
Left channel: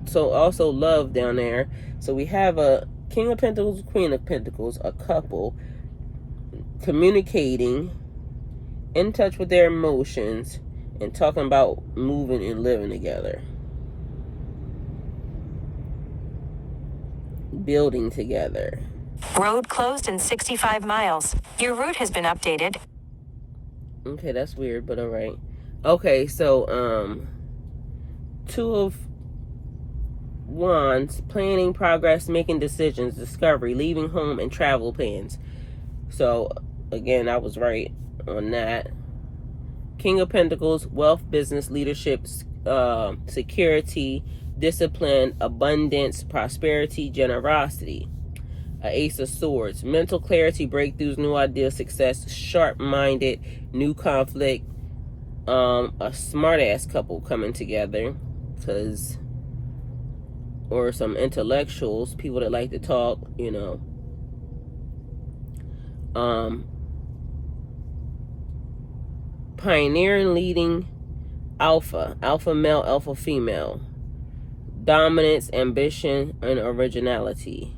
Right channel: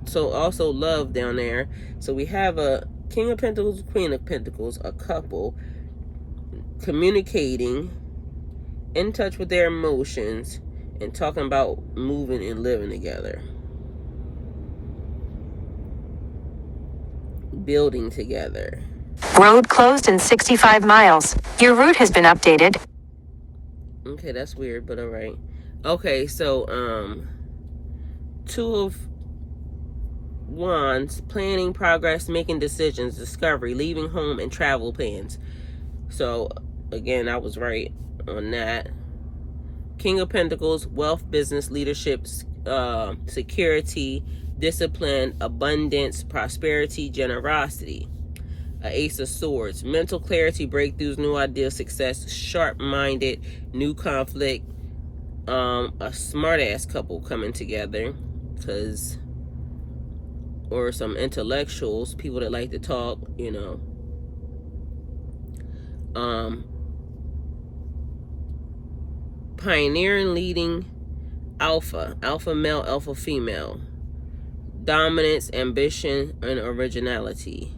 So also love down there. So we have a King of Pentacles, Queen of Pentacles, a couple communicating, in touch with their emotions, and talking about moving and living together, building together. Road closed in 65 miles. Your route has been updated. Okay, that's weird, but all right. Okay, so Two of Wands, planning, progress, making decisions, discovery, leaving home, and travel plans. So again, I was right on that. King of Pentacles, wealth, business, leadership, security, discipline, abundance, prosperity, generosity. Ace of Swords, mental clarity, breakthroughs, new ideas, success, sharp-minded, new conflict, a smart-ass couple coming together, because, or some intellectuals, people that like to talk, you know. Pioneering, leading, alpha male, alpha female, dominance, ambition, and originality.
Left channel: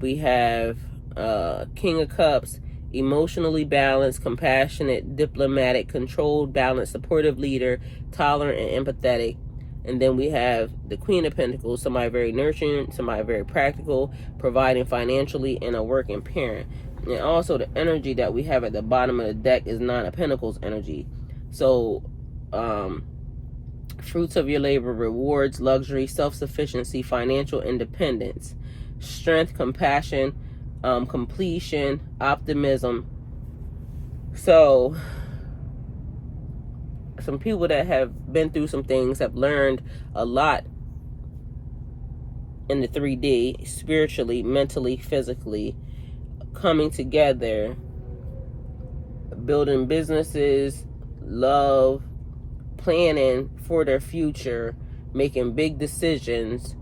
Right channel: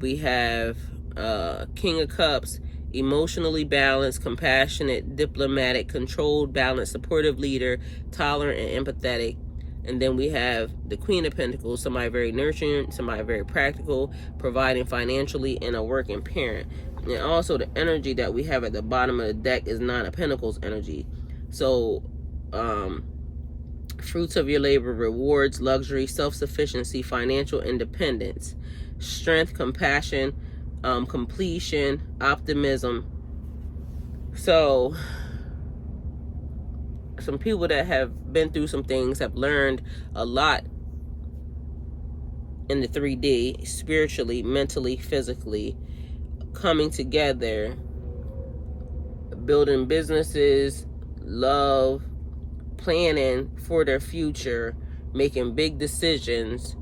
We have King of Cups, emotionally balanced, compassionate, diplomatic, controlled, balanced, supportive leader, tolerant, and empathetic. And then we have the Queen of Pentacles, somebody very nurturing, somebody very practical, providing financially, and a working parent. And also the energy that we have at the bottom of the deck is Nine of Pentacles energy. So fruits of your labor, rewards, luxury, self-sufficiency, financial independence, strength, compassion, completion, optimism. So some people that have been through some things have learned a lot in the 3D, spiritually, mentally, physically, coming together, building businesses, love, planning for their future, making big decisions,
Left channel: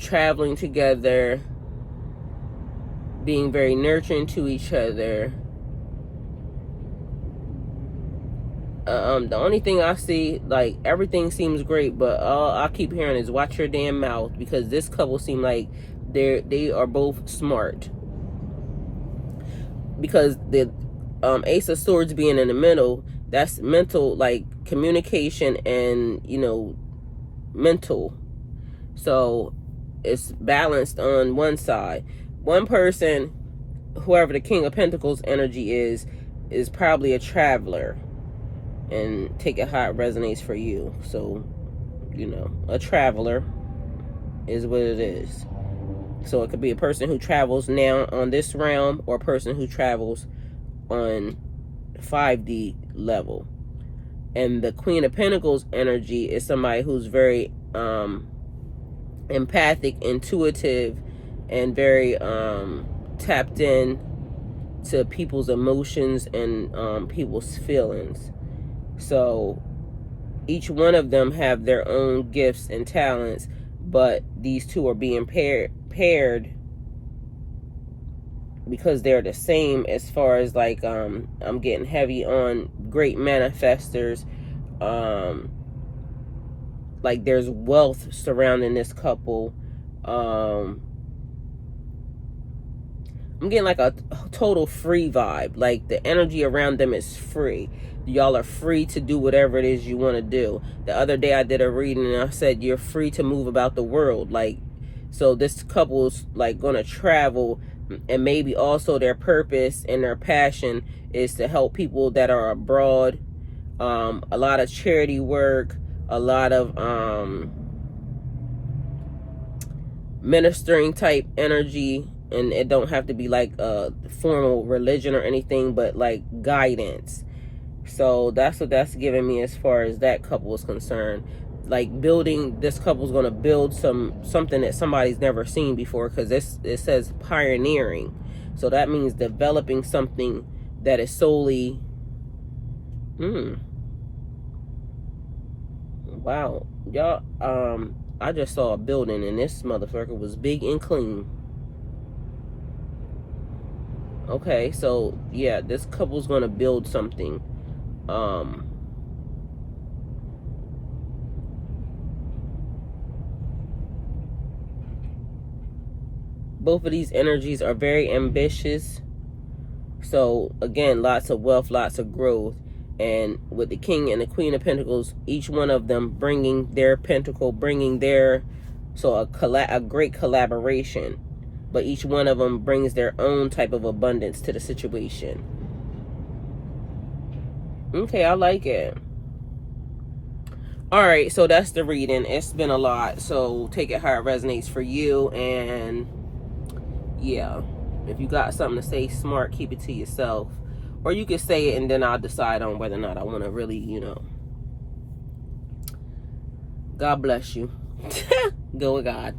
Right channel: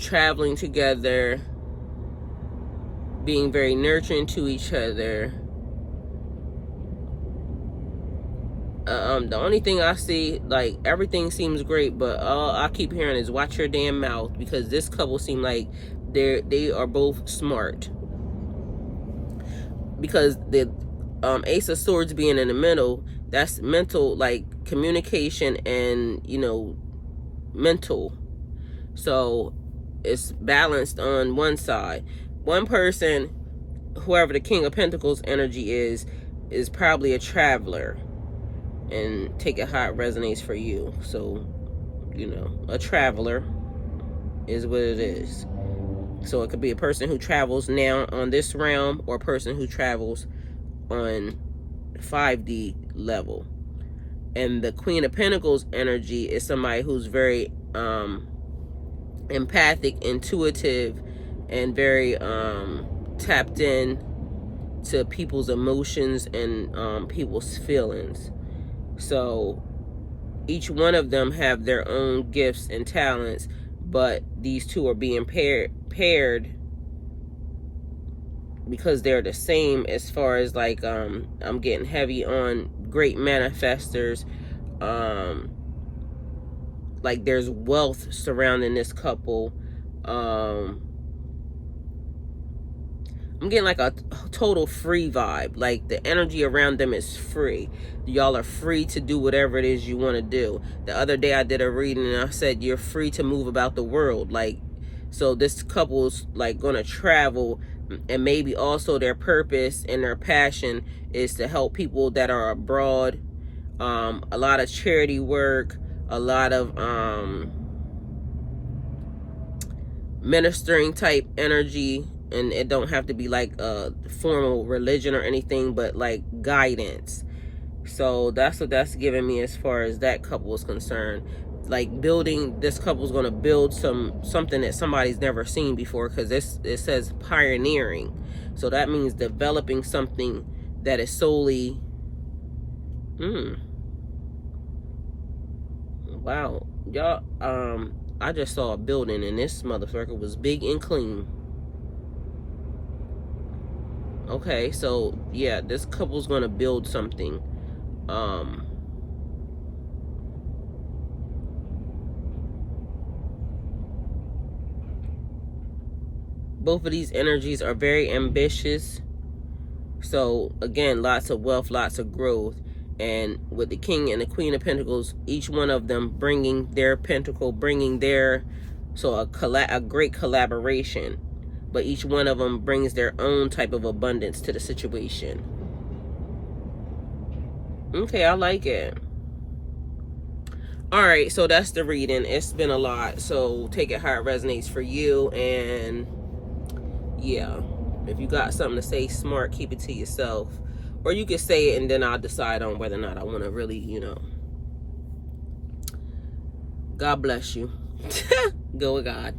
traveling together, being very nurturing to each other. The only thing I see, like, everything seems great, but all I keep hearing is watch your damn mouth, because this couple seem like they are both smart. Because the Ace of Swords being in the middle, that's mental, like communication and, you know, mental. So it's balanced on one side. One person, whoever the King of Pentacles energy is probably a traveler. And take it how it resonates for you. So, you know, a traveler is what it is. So it could be a person who travels now on this realm, or a person who travels on 5D level. And the Queen of Pentacles energy is somebody who's very empathic, intuitive, and very tapped in to people's emotions and people's feelings. So each one of them have their own gifts and talents, but these two are being paired because they're the same as far as, like, I'm getting heavy on great manifestors, like there's wealth surrounding this couple. I'm getting like a total free vibe. Like the energy around them is free. Y'all are free to do whatever it is you want to do. The other day I did a reading and I said you're free to move about the world. Like, so this couple's like going to travel, and maybe also their purpose and their passion is to help people that are abroad. A lot of charity work, a lot of ministering type energy. And it don't have to be like a formal religion or anything, but like guidance. So that's what that's giving me as far as that couple is concerned. Like building, this couple's going to build something that somebody's never seen before, because it says pioneering. So that means developing something that is solely wow, y'all, I just saw a building and this motherfucker was big and clean. Okay, so yeah, this couple's gonna build something. Both of these energies are very ambitious. So again, lots of wealth, lots of growth. And with the King and the Queen of Pentacles, each one of them bringing their pentacle, bringing their, so a great collaboration. But each one of them brings their own type of abundance to the situation. Okay, I like it. All right, so that's the reading. It's been a lot, so take it how it resonates for you. And yeah, if you got something to say smart, keep it to yourself. Or you can say it and then I'll decide on whether or not I want to really, you know. God bless you. Go with God.